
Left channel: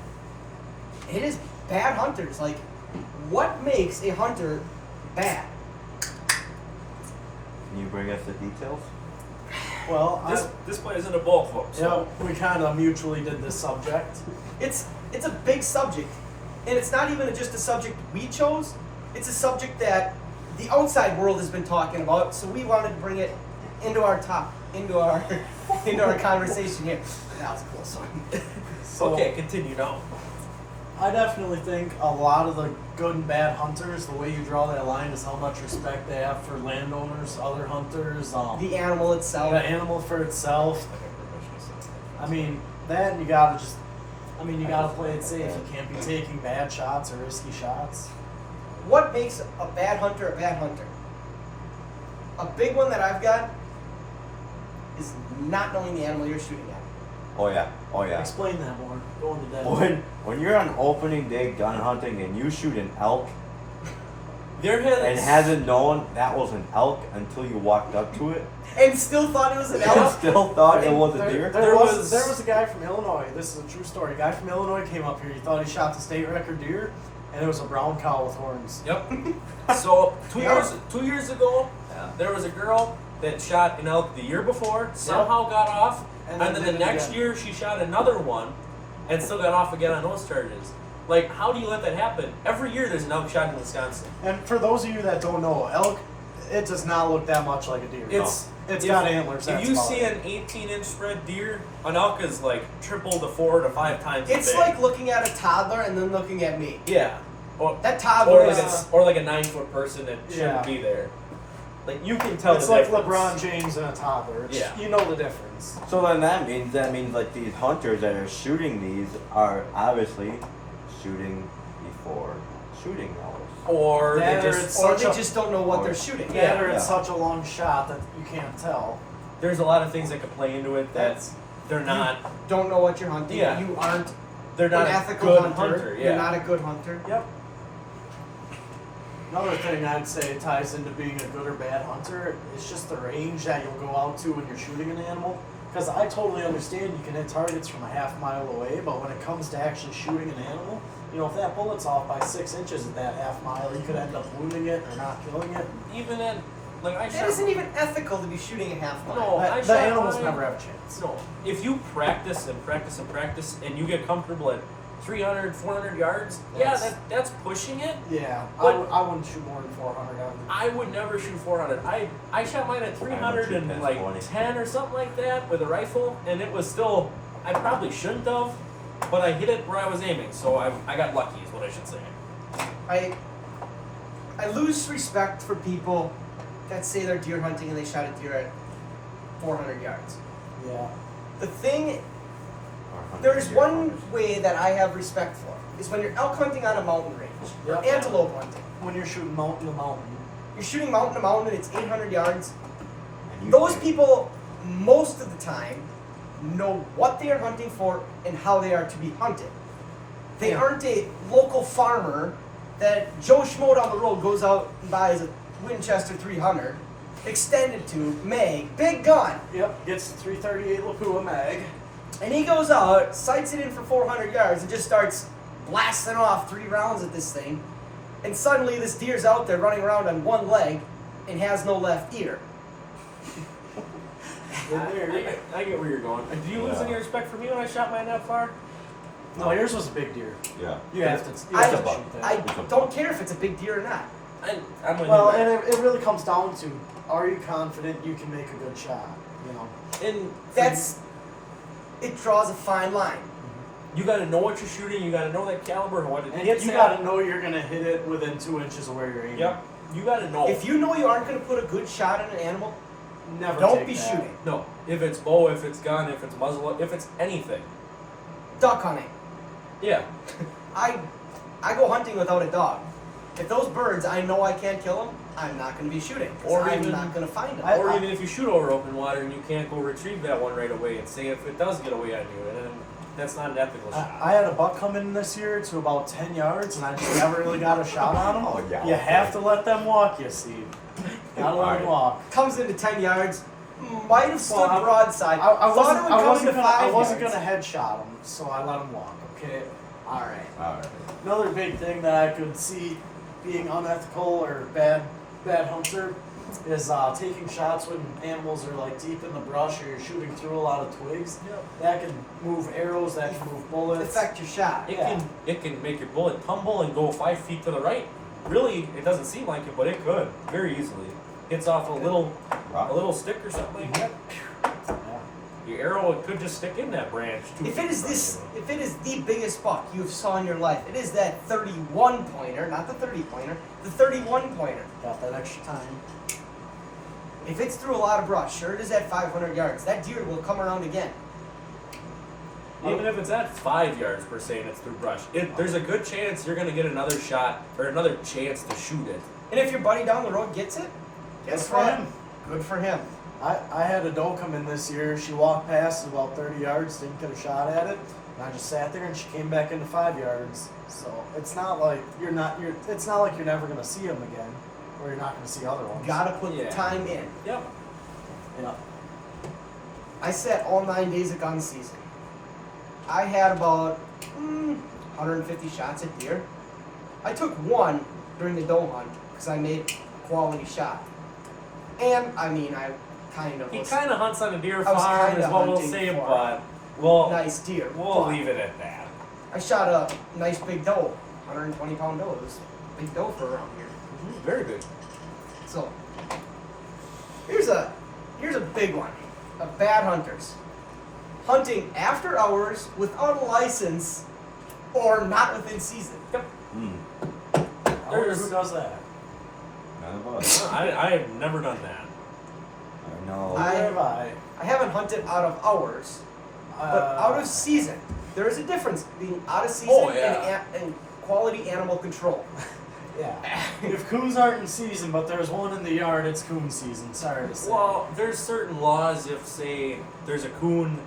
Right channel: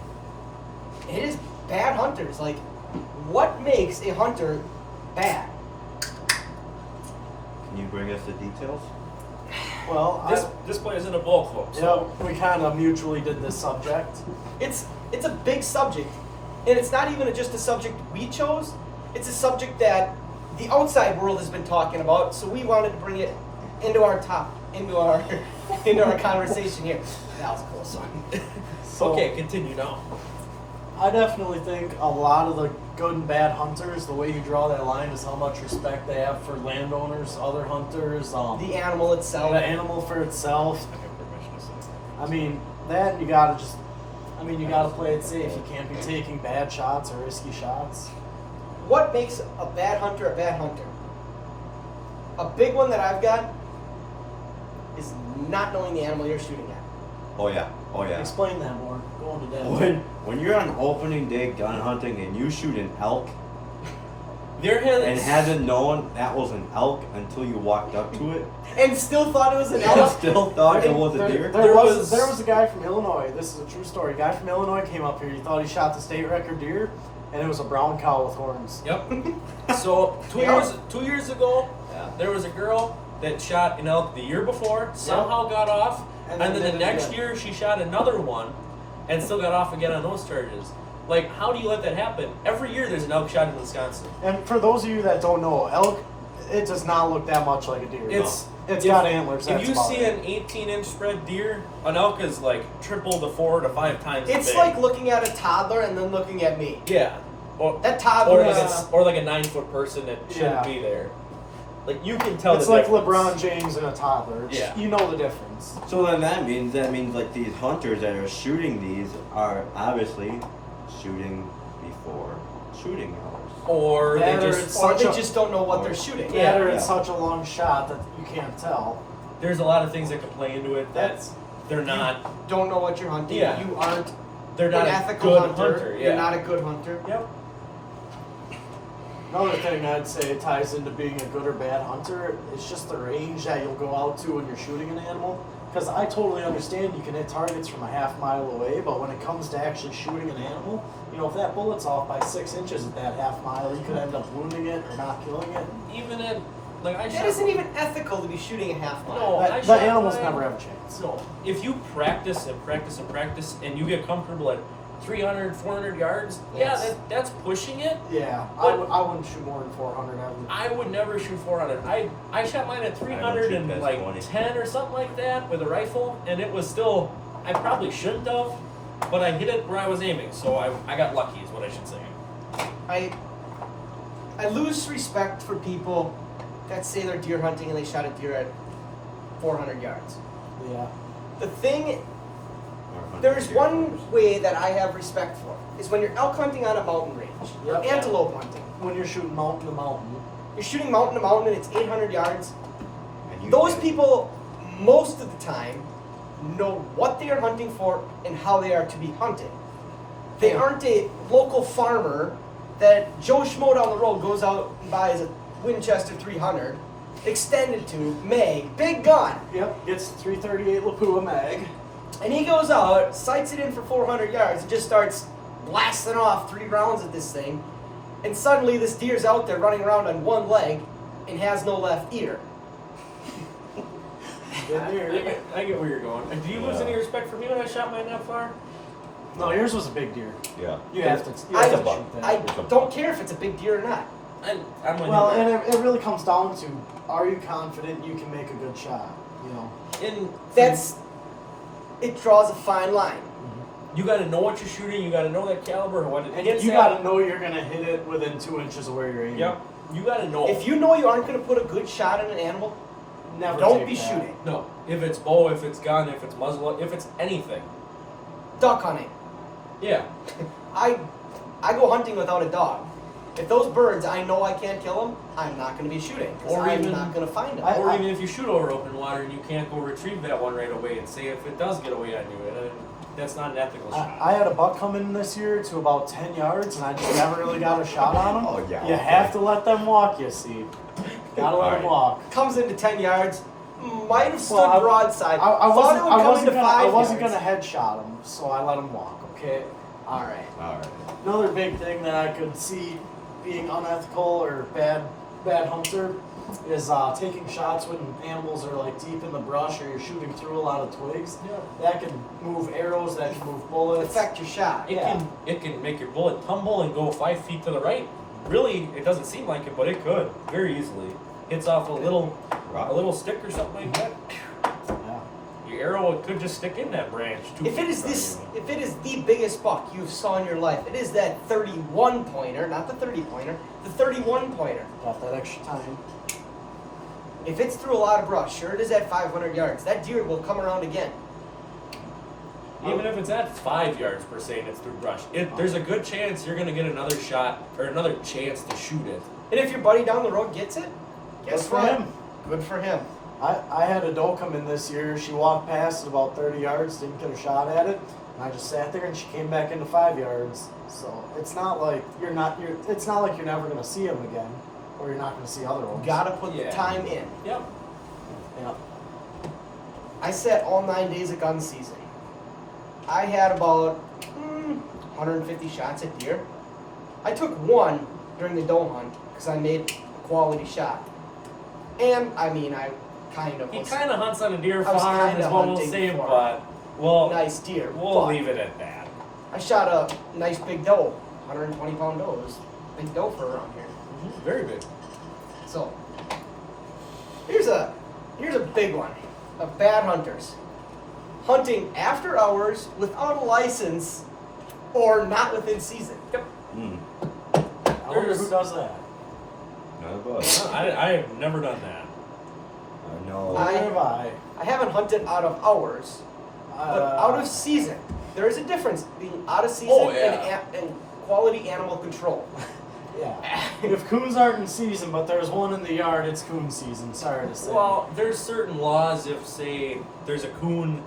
It is bad hunters. Like, what makes a hunter bad? Can you bring us the details? Well, This plays into both folks. we kind of mutually did this subject. It's a big subject, and it's not even just a subject we chose. It's a subject that the outside world has been talking about, so we wanted to bring it into our conversation here. That was a close one. So, Okay, continue now. I definitely think a lot of the good and bad hunters, the way you draw that line is how much respect they have for landowners, other hunters, The animal itself. the animal for itself. I have permission to say that. I mean, that you gotta just, you gotta play it safe. You can't be taking bad shots or risky shots. What makes a bad hunter a bad hunter? A big one that I've got is not knowing the animal you're shooting at. Oh yeah. Oh yeah. Explain that more. Go into that. When you're on opening day gun hunting and you shoot an elk There has and hasn't known that was an elk until you walked up to it, And still thought it was an and elk. still thought it was a There- deer. There was a guy from Illinois. This is a true story. A guy from Illinois came up here. He thought he shot the state record deer, and it was a brown cow with horns. Yep. So two Yep. years ago, Yeah. there was a girl that shot an elk the year before, somehow got off, And and then then the did it next again. year she shot another one, and still got off again on those charges. Like, how do you let that happen? Every year there's an elk shot in Wisconsin. And for those of you that don't know, elk, it does not look that much like a deer. It's It's if- got antlers. If That's you about see it. an 18-inch spread deer, an elk is like triple to 4 to 5 times as It's big. like looking at a toddler and then looking at me. Yeah. Or, That toddler or like is- or like a 9-foot person that shouldn't Yeah. be there. Like, you can tell It's the like difference. LeBron James and a toddler. It's, Yeah. You know the difference. So then that means like these hunters that are shooting these are obviously shooting before shooting elk. Or Yeah, they or just it's Or such they a- just don't know what they're shooting. Yeah, or it's Yeah. such a long shot that you can't tell. there's a lot of things that could play into it that That's- they're not Don't know what you're hunting. Yeah. You aren't they're not an a ethical good hunter. hunter. Yeah. You're not a good hunter. Yep. Another thing I'd say ties into being a good or bad hunter is just the range that you'll go out to when you're shooting an animal. Because I totally understand you can hit targets from a half mile away, but when it comes to actually shooting an animal, if that bullet's off by 6 inches at that half mile, you could end up wounding it or not killing it. Even at like I It shot. isn't even ethical to be shooting a half mile. No. I The shot animals mine. never have a chance. No. If you practice and practice and practice and you get comfortable at 300, 400 yards, Yes. that's pushing it. Yeah, But- I wouldn't shoot more than 400 ever. I would never shoot 400. I shot mine at 300 shoot and past like 20. 10 or something like that with a rifle, and it was still. I probably shouldn't have, but I hit it where I was aiming, so I got lucky, is what I should say. I lose respect for people that say they're deer hunting and they shot a deer at 400 yards. Yeah. The thing, Or hunting there's deer one hunters. way that I have respect for is when you're elk hunting on a mountain range or Yep. antelope hunting. When you're shooting mountain to mountain. You're shooting mountain to mountain and it's 800 yards. And you Those can- people, most of the time, know what they are hunting for and how they are to be hunted. They Yeah. aren't a local farmer that Joe Schmo down the road goes out and buys a Winchester 300, extended to mag, big gun, Yep, gets 338 Lapua mag. and he goes out, sights it in for 400 yards, and just starts blasting off 3 rounds at this thing, and suddenly this deer's out there running around on one leg and has no left ear. Good I deer. get where you're going. Do you lose Yeah. any respect for me when I shot mine that far? No, yours was a big deer. Yeah. You have to. You I, have to buck. shoot that. I It's a don't buck. care if it's a big deer or not. I'm with Well, you. and it really comes down to, are you confident you can make a good shot? And That's, it draws a fine line. you got to know what you're shooting. You got to know that caliber and what it And hits you at. got to know you're gonna hit it within 2 inches of where you're aiming. Yep. You got to know. If you know you aren't going to put a good shot on an animal, Never don't take be that. shooting. No. If it's bow, if it's gun, if it's muzzle, if it's anything. Duck hunting. Yeah. I go hunting without a dog. If those birds, I know I can't kill them, I'm not going to be shooting. 'Cause Or I'm even- not going to find them. Or even if you shoot over open water and you can't go retrieve that one right away, and say if it does get away on you, and that's not an ethical shot. I had a buck come in this year to about 10 yards, and I just never really got a shot on him. Oh, yeah, You okay. have to let them walk, you see. Gotta let them Alright. walk. Comes into 10 yards, might have stood Well, I- broadside. I Thought wasn't, it would I come wasn't into gonna, I 5 wasn't yards. gonna headshot him, so I let him walk. Okay. All right. Alright. Another big thing that I could see being unethical or bad hunter is taking shots when animals are like deep in the brush or you're shooting through a lot of twigs. That can move arrows. That can move bullets. Affect your shot. It can make your bullet tumble and go 5 feet to the right. Really, it doesn't seem like it, but it could very easily. Hits off a little stick or something like that. Yeah. your arrow it could just stick in that branch. 2 If feet it is in front this, of you. if it is the biggest buck you've saw in your life, it is that 31 pointer, not the 30 pointer, the 31 pointer. Got that extra time. If it's through a lot of brush, sure it is at 500 yards. That deer will come around again. Even if it's at 5 yards per se and it's through brush, there's a good chance you're gonna get another shot or another chance to shoot it. And if your buddy down the road gets it, guess Good for what? him. Good for him. I had a doe come in this year. She walked past about 30 yards, didn't get a shot at it, and I just sat there and she came back into 5 yards. So it's not like it's not like you're never gonna see them again, or you're not gonna see other ones. Gotta put the Yeah. time in. Yep. Yeah. I sat all 9 days of gun season. I had about 150 shots at deer. I took one during the doe hunt because I made a quality shot. And I mean, I kind of He was kind of hunts on a deer I was farm, kinda is what we'll hunting say, for but well, nice deer. we'll but leave it at that. I shot a nice big doe, 120 pound doe. It was a big doe for around here. Very big. So here's a big one of bad hunters. Hunting after hours without a license or not within season. Yep. I wonder There's- who does that. None of us. I have never done that. I know. I- Where have I? I haven't hunted out of hours, but out of season. There is a difference being out of season Oh, yeah. and quality animal control. Yeah. If coons aren't in season, but there's one in the yard, it's coon season. Sorry to say. Well, there's certain laws if, say, there's a coon,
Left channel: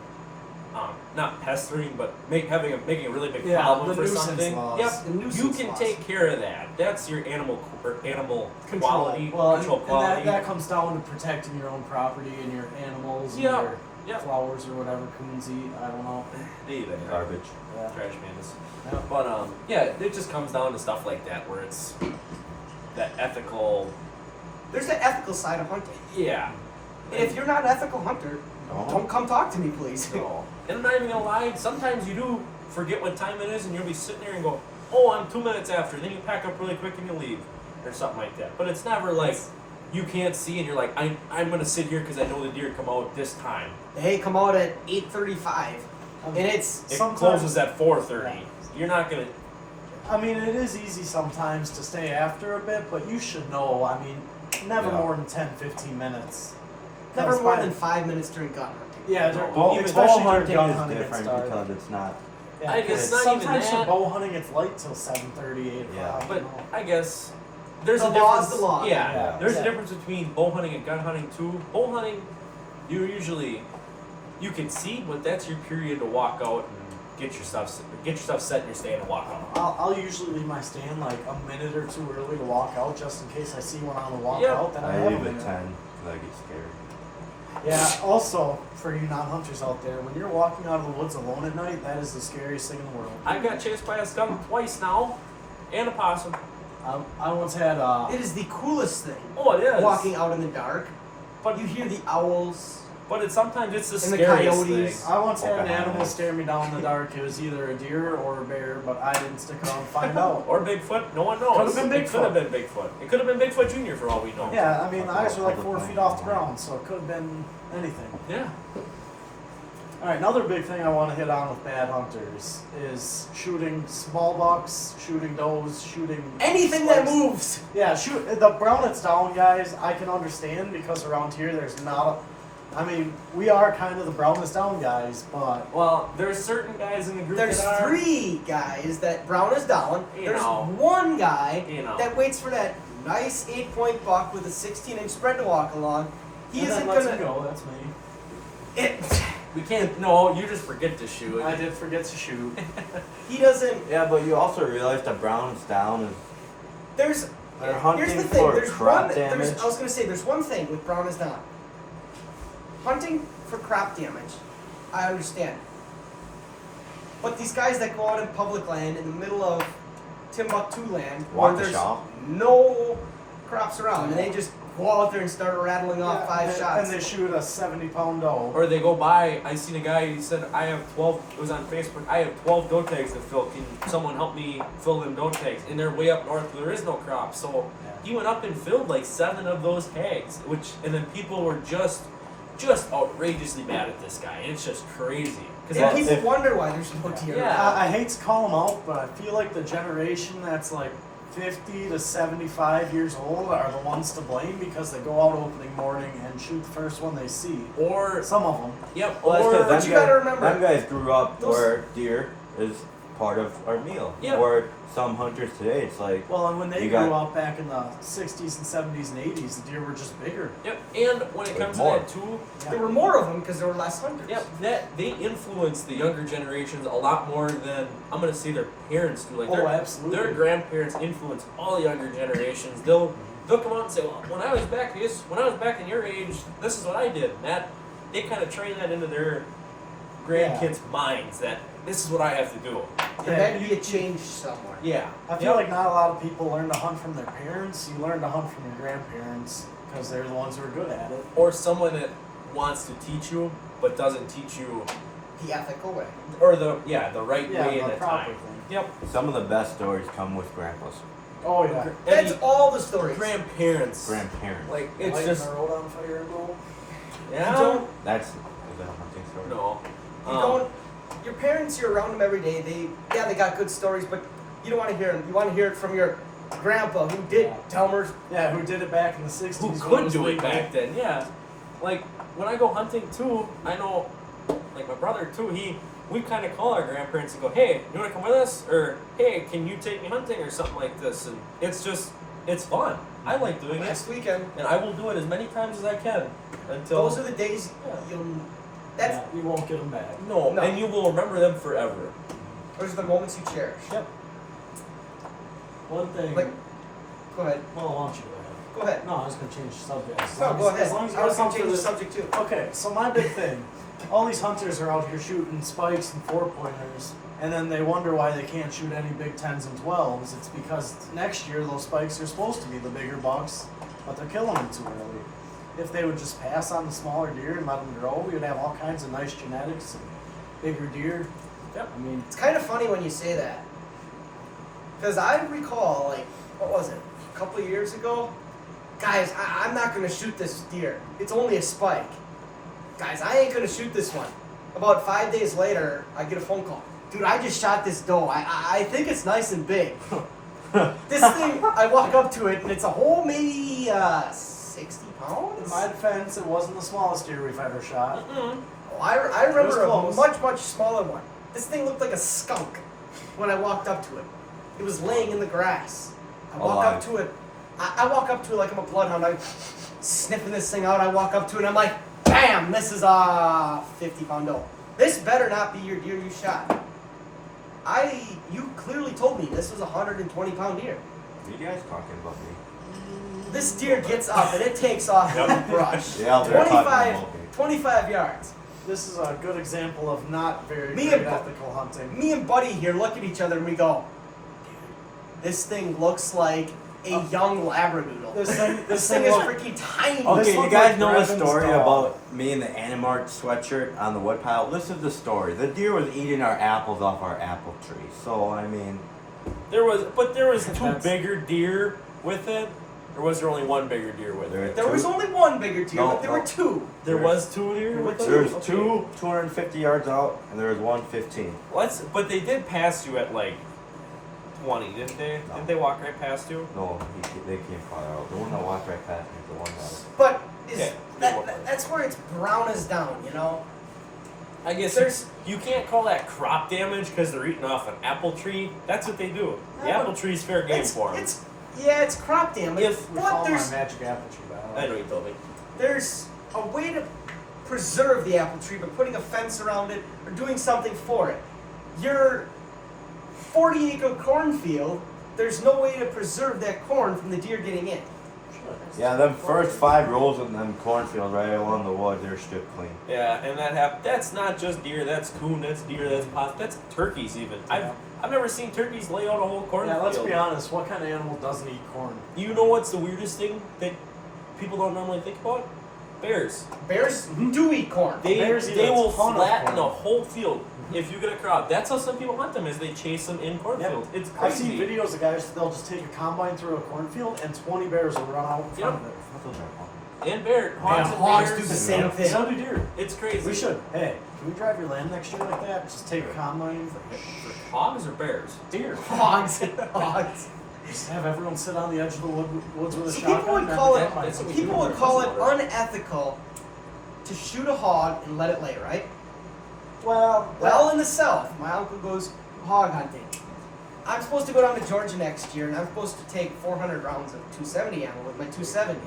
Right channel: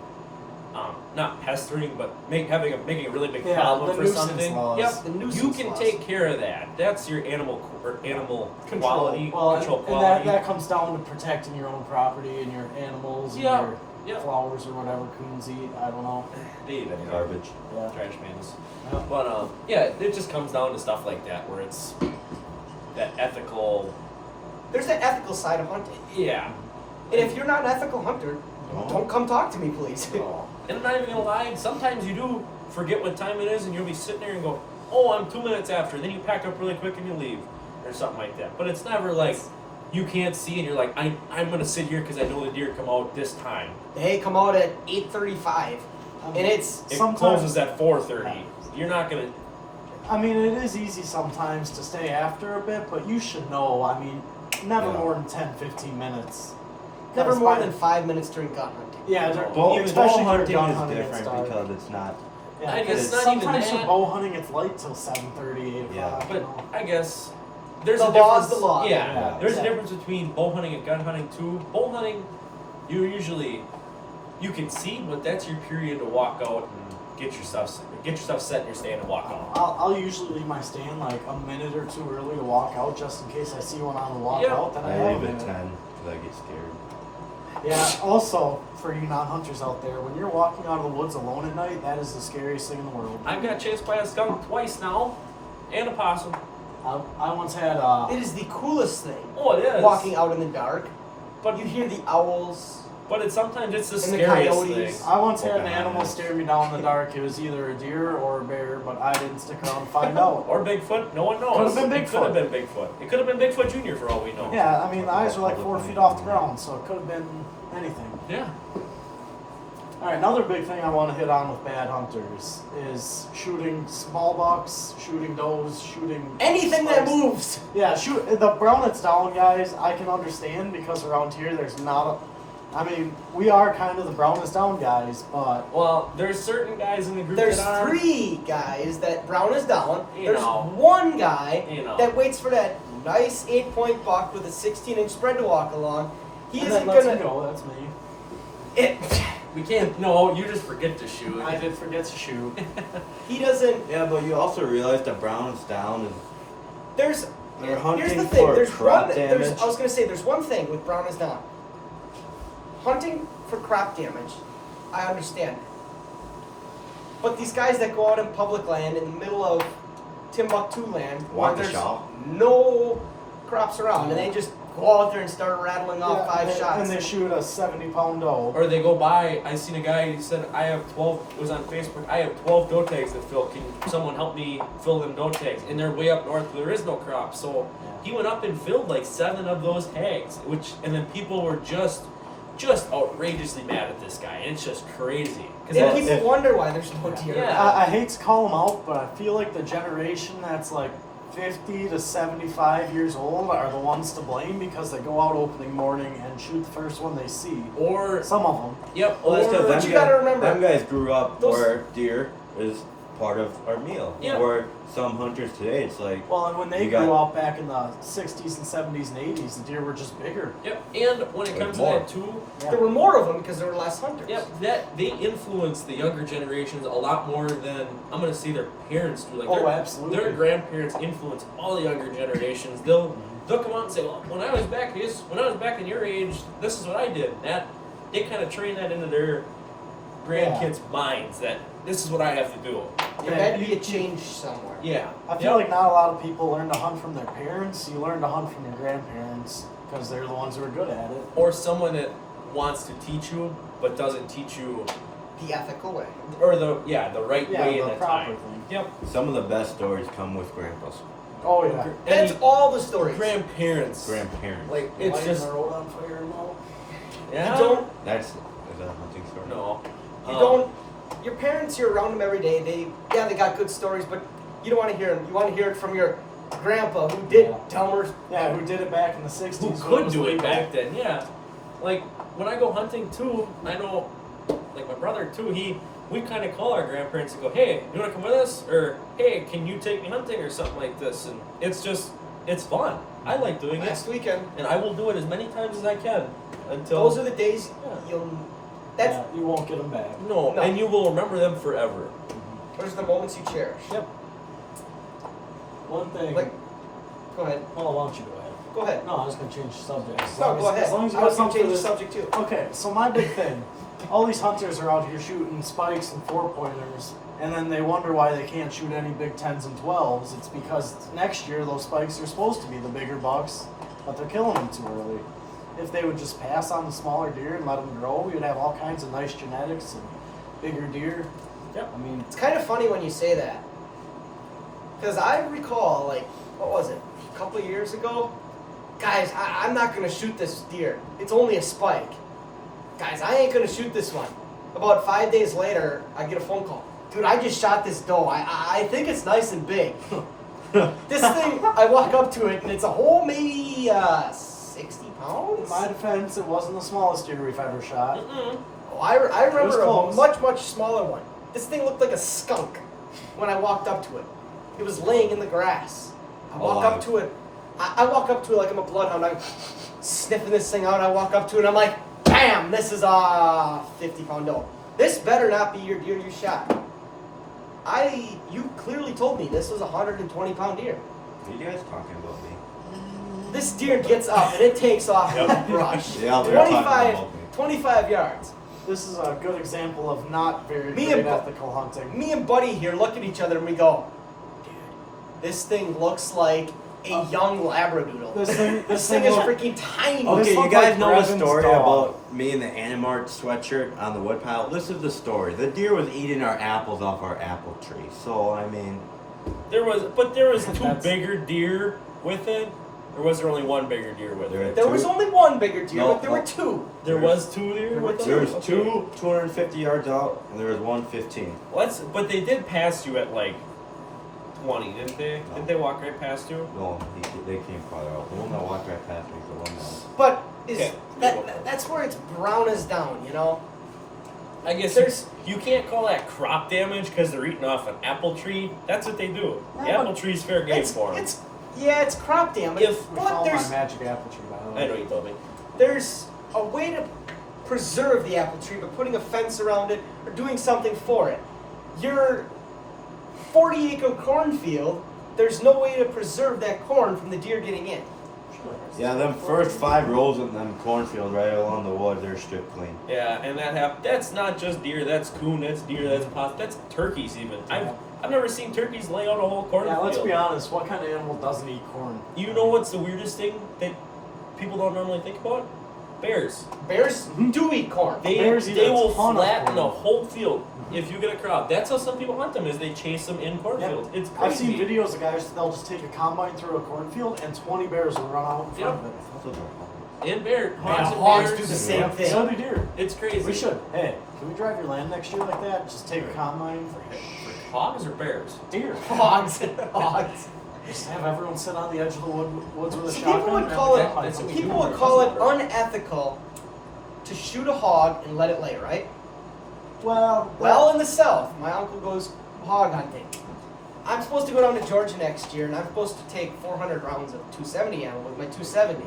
not pestering, but making a really big Yeah, problem the for nuisance something. laws. Yep, The nuisance you can laws. take care of that. That's your animal Control. quality, Well, control and quality. that comes down to protecting your own property and your animals and Yeah, your yeah. flowers or whatever coons eat. I don't know. They eat that Garbage. Yeah. trash pandas. Yeah. But yeah, it just comes down to stuff like that where it's that ethical. There's an ethical side of hunting. Yeah. And if you're not an ethical hunter, don't come talk to me, please. No. And I'm not even gonna lie, sometimes you do forget what time it is and you'll be sitting there and go, oh, I'm 2 minutes after. Then you pack up really quick and you leave. Or something like that. But it's never like you can't see and you're like, I'm gonna sit here because I know the deer come out this time. They come out at 8:35, and it's It Sometimes- closes at 4:30. Yeah. You're not gonna. I mean, it is easy sometimes to stay after a bit, but you should know. I mean, never Yeah. more than 10, 15 minutes. never 'Cause more by- than 5 minutes during gun hunting. Yeah, No, bow, even especially Bow during hunting gun is hunting, different it's dark. because it's not. Yeah, I guess 'cause it's not even sometimes that. for bow hunting, it's light till 7:30, 8 Yeah. o'clock. But you know. I guess there's The a law is difference. the law. Yeah, Yeah, there's a exactly. difference between bow hunting and gun hunting too. Bow hunting, you can see, but that's your period to walk out and get your stuff set in your stand and walk out. I'll usually leave my stand like a minute or two early to walk out, just in case I see one on the walk Yep. out. Then I I have leave a at minute. 10 because I get scared. Yeah. Also, for you non-hunters out there, when you're walking out of the woods alone at night, that is the scariest thing in the world. I've got chased by a skunk twice now, and a possum. I once had It is the coolest thing. Oh, it is. Walking out in the dark, but you hear the owls. sometimes it's the And the scariest coyotes. thing. I once had an Okay. animal stare me down in the dark. It was either a deer or a bear, but I didn't stick around to find out. Or Bigfoot. No one knows. Could've been It could have Bigfoot. been Bigfoot. It could have been Bigfoot Jr. for all we know. Yeah, I mean, the eyes are like 4 feet off the ground, so it could have been anything. Yeah. All right, another big thing I want to hit on with bad hunters is shooting small bucks, shooting does, shooting Anything that slugs. moves. Yeah, shoot the brown it's down, guys. I can understand because around here there's not a. I mean, we are kind of the brown is down guys, but Well, there's certain guys in the group There's that are. 3 guys that brown is down. You There's know. 1 guy You know. that waits for that nice 8-point buck with a 16-inch spread to walk along. He and isn't that lets gonna. me go. That's me. It, We can't. No, you just forget to shoot. I did forget to shoot. he doesn't. Yeah, but you also realize that brown is down and There's. they're Here's hunting the thing. for There's crop one. damage. There's, I was gonna say there's one thing with brown is down. Hunting for crop damage, I understand. But these guys that go out in public land in the middle of Timbuktu land, where Want the there's shot? no crops around, and they just go out there and start rattling off Yeah, 5 shots. and they shoot a 70-pound doe. Or they go by. I seen a guy. He said, "I have 12." It was on Facebook. I have 12 doe tags to fill. Can someone help me fill them doe tags? And they're way up north. There is no crop. So Yeah. he went up and filled like 7 of those tags. And then people were just just outrageously mad at this guy, and it's just crazy. And Because people wonder why there's no deer. Yeah. I hate to call them out, but I feel like the generation that's like 50 to 75 years old are the ones to blame because they go out opening morning and shoot the first one they see. or Some of them. yep, Well, that's or 'cause But you gotta remember, them guys grew up those- where deer is part of our meal. Yeah. Where some hunters today, it's like, Well, and when they You grew got- up back in the 60s and 70s and 80s, the deer were just bigger. yep, and when it Like comes more. to that too, Yeah. there were more of them because there were less hunters. yep, that they influence the younger generations a lot more than I'm gonna say their parents do. Like Oh, their, absolutely. their grandparents influence all the younger generations. They'll come out and say, well, when I was back in your age, this is what I did. That they kind of train that into their grandkids' minds that this is what I have to do. There had to be a change somewhere. Yeah, I feel like not a lot of people learn to hunt from their parents. You learn to hunt from your grandparents because they're the ones who are good at it. or someone that wants to teach you but doesn't teach you, The ethical way. or the right Yeah, way in the that proper time. thing. Yep. some of the best stories come with grandpas, Oh, yeah. That's Any all the stories. grandparents. grandparents. Like it's Lighting just the road on fire and all. yeah. You don't. Is that a hunting story? No. You don't. Your parents, you're around them every day. They got good stories, but you don't want to hear them. You want to hear it from your grandpa who did Delmer's. Yeah, who did it back in the 60s. Who when could was do it legal. back then? Yeah. Like when I go hunting too, I know, like my brother too. We kind of call our grandparents and go, "Hey, you want to come with us?" Or "Hey, can you take me hunting?" or something like this. And it's fun. I like doing it, Last weekend. and I will do it as many times as I can until Those are the days Yeah. you'll. That's Yeah, you won't get them back. no, No. and you will remember them forever. those are the moments you cherish. Yep. One thing. Like, go ahead. Well, why don't you go ahead? Go ahead. No, I was going to change the subject. As No, long go as- ahead. As long as you I got was going to something change the to subject too. Okay, so my big thing, all these hunters are out here shooting spikes and 4-pointers, and then they wonder why they can't shoot any big 10s and 12s. It's because next year those spikes are supposed to be the bigger bucks, but they're killing them too early. If they would just pass on the smaller deer and let them grow, we would have all kinds of nice genetics and bigger deer. Yep. I mean, It's kind of funny when you say that. Because I recall, like, what was it? A couple of years ago? Guys, I'm not going to shoot this deer. It's only a spike. Guys, I ain't going to shoot this one. About 5 days later, I get a phone call. Dude, I just shot this doe. I think it's nice and big. This thing, I walk up to it, and it's a whole maybe 60 pounds? in my defense, it wasn't the smallest deer we've ever shot. Mm-mm. Oh, I remember a close. much, much smaller one. This thing looked like a skunk when I walked up to it. It was laying in the grass. I walk up Alive. to it. I walk up to it like I'm a bloodhound. I'm sniffing this thing out. I walk up to it and I'm like, bam, this is a 50-pound doe. This better not be your deer you shot. You clearly told me this was a 120-pound deer. What are you guys talking about me? This deer gets up and it takes off in the brush. Yeah, they're talking about me. 25 yards. This is a good example of not very Me great and- ethical hunting. Me and Buddy here look at each other and we go, this thing looks like a young Labradoodle. This thing This thing is look- freaking tiny. Oh, this Okay, you looks guys like know a Brevin's story dog. about me and the Animart sweatshirt on the woodpile? This is the story. The deer was eating our apples off our apple tree. So, I mean, There was two That's- bigger deer with it, or was there only one bigger deer with There it? There was only one bigger deer, No, but there no. were two. There was two deer There with were it. there's Okay. two 250 yards out, and there was one 15. But they did pass you at like 20, didn't they? No. Didn't they walk right past you? No, they came far out. The one that walked right past me is the one that was. But is Yeah. that's where it's brown as down, you know? I guess There's- you can't call that crop damage because they're eating off an apple tree. That's what they do. The Yeah, apple tree's fair game for them. It's crop damage. If- We but follow my there's magic apple tree, by the way. I know you told me. there's a way to preserve the apple tree by putting a fence around it or doing something for it. Your 40-acre cornfield, there's no way to preserve that corn from the deer getting in. Yeah, them first 5 rows of them cornfields right along the woods, they're stripped clean. Yeah, and that's not just deer. That's coon. That's deer. That's possum. That's turkeys even. I've never seen turkeys lay out a whole cornfield. Yeah, let's be honest. What kind of animal doesn't eat corn? You know what's the weirdest thing that people don't normally think about? Bears. Bears do eat corn. Bears eat They a will ton of flatten corn. a whole field if you get a crowd. That's how some people hunt them, is they chase them in cornfields. It's I've crazy. seen videos of guys, they'll just take a combine through a cornfield and 20 bears will run out in front of it. I thought those were pumpkins. And bear, hogs Man, and hogs bears. do the same Yeah, thing. So do deer. It's crazy. We should. Hey, can we drive your land next year like that? Just take a combine for For hogs or bears? deer. Hogs. Hogs. Just have everyone sit on the edge of the woods with a So shotgun. people would and have call a it combine that's for what you. people would call it unethical to shoot a hog and let it lay, right? Well, in the South, my uncle goes hog hunting. I'm supposed to go down to Georgia next year, and I'm supposed to take 400 rounds of 270 ammo with my 270.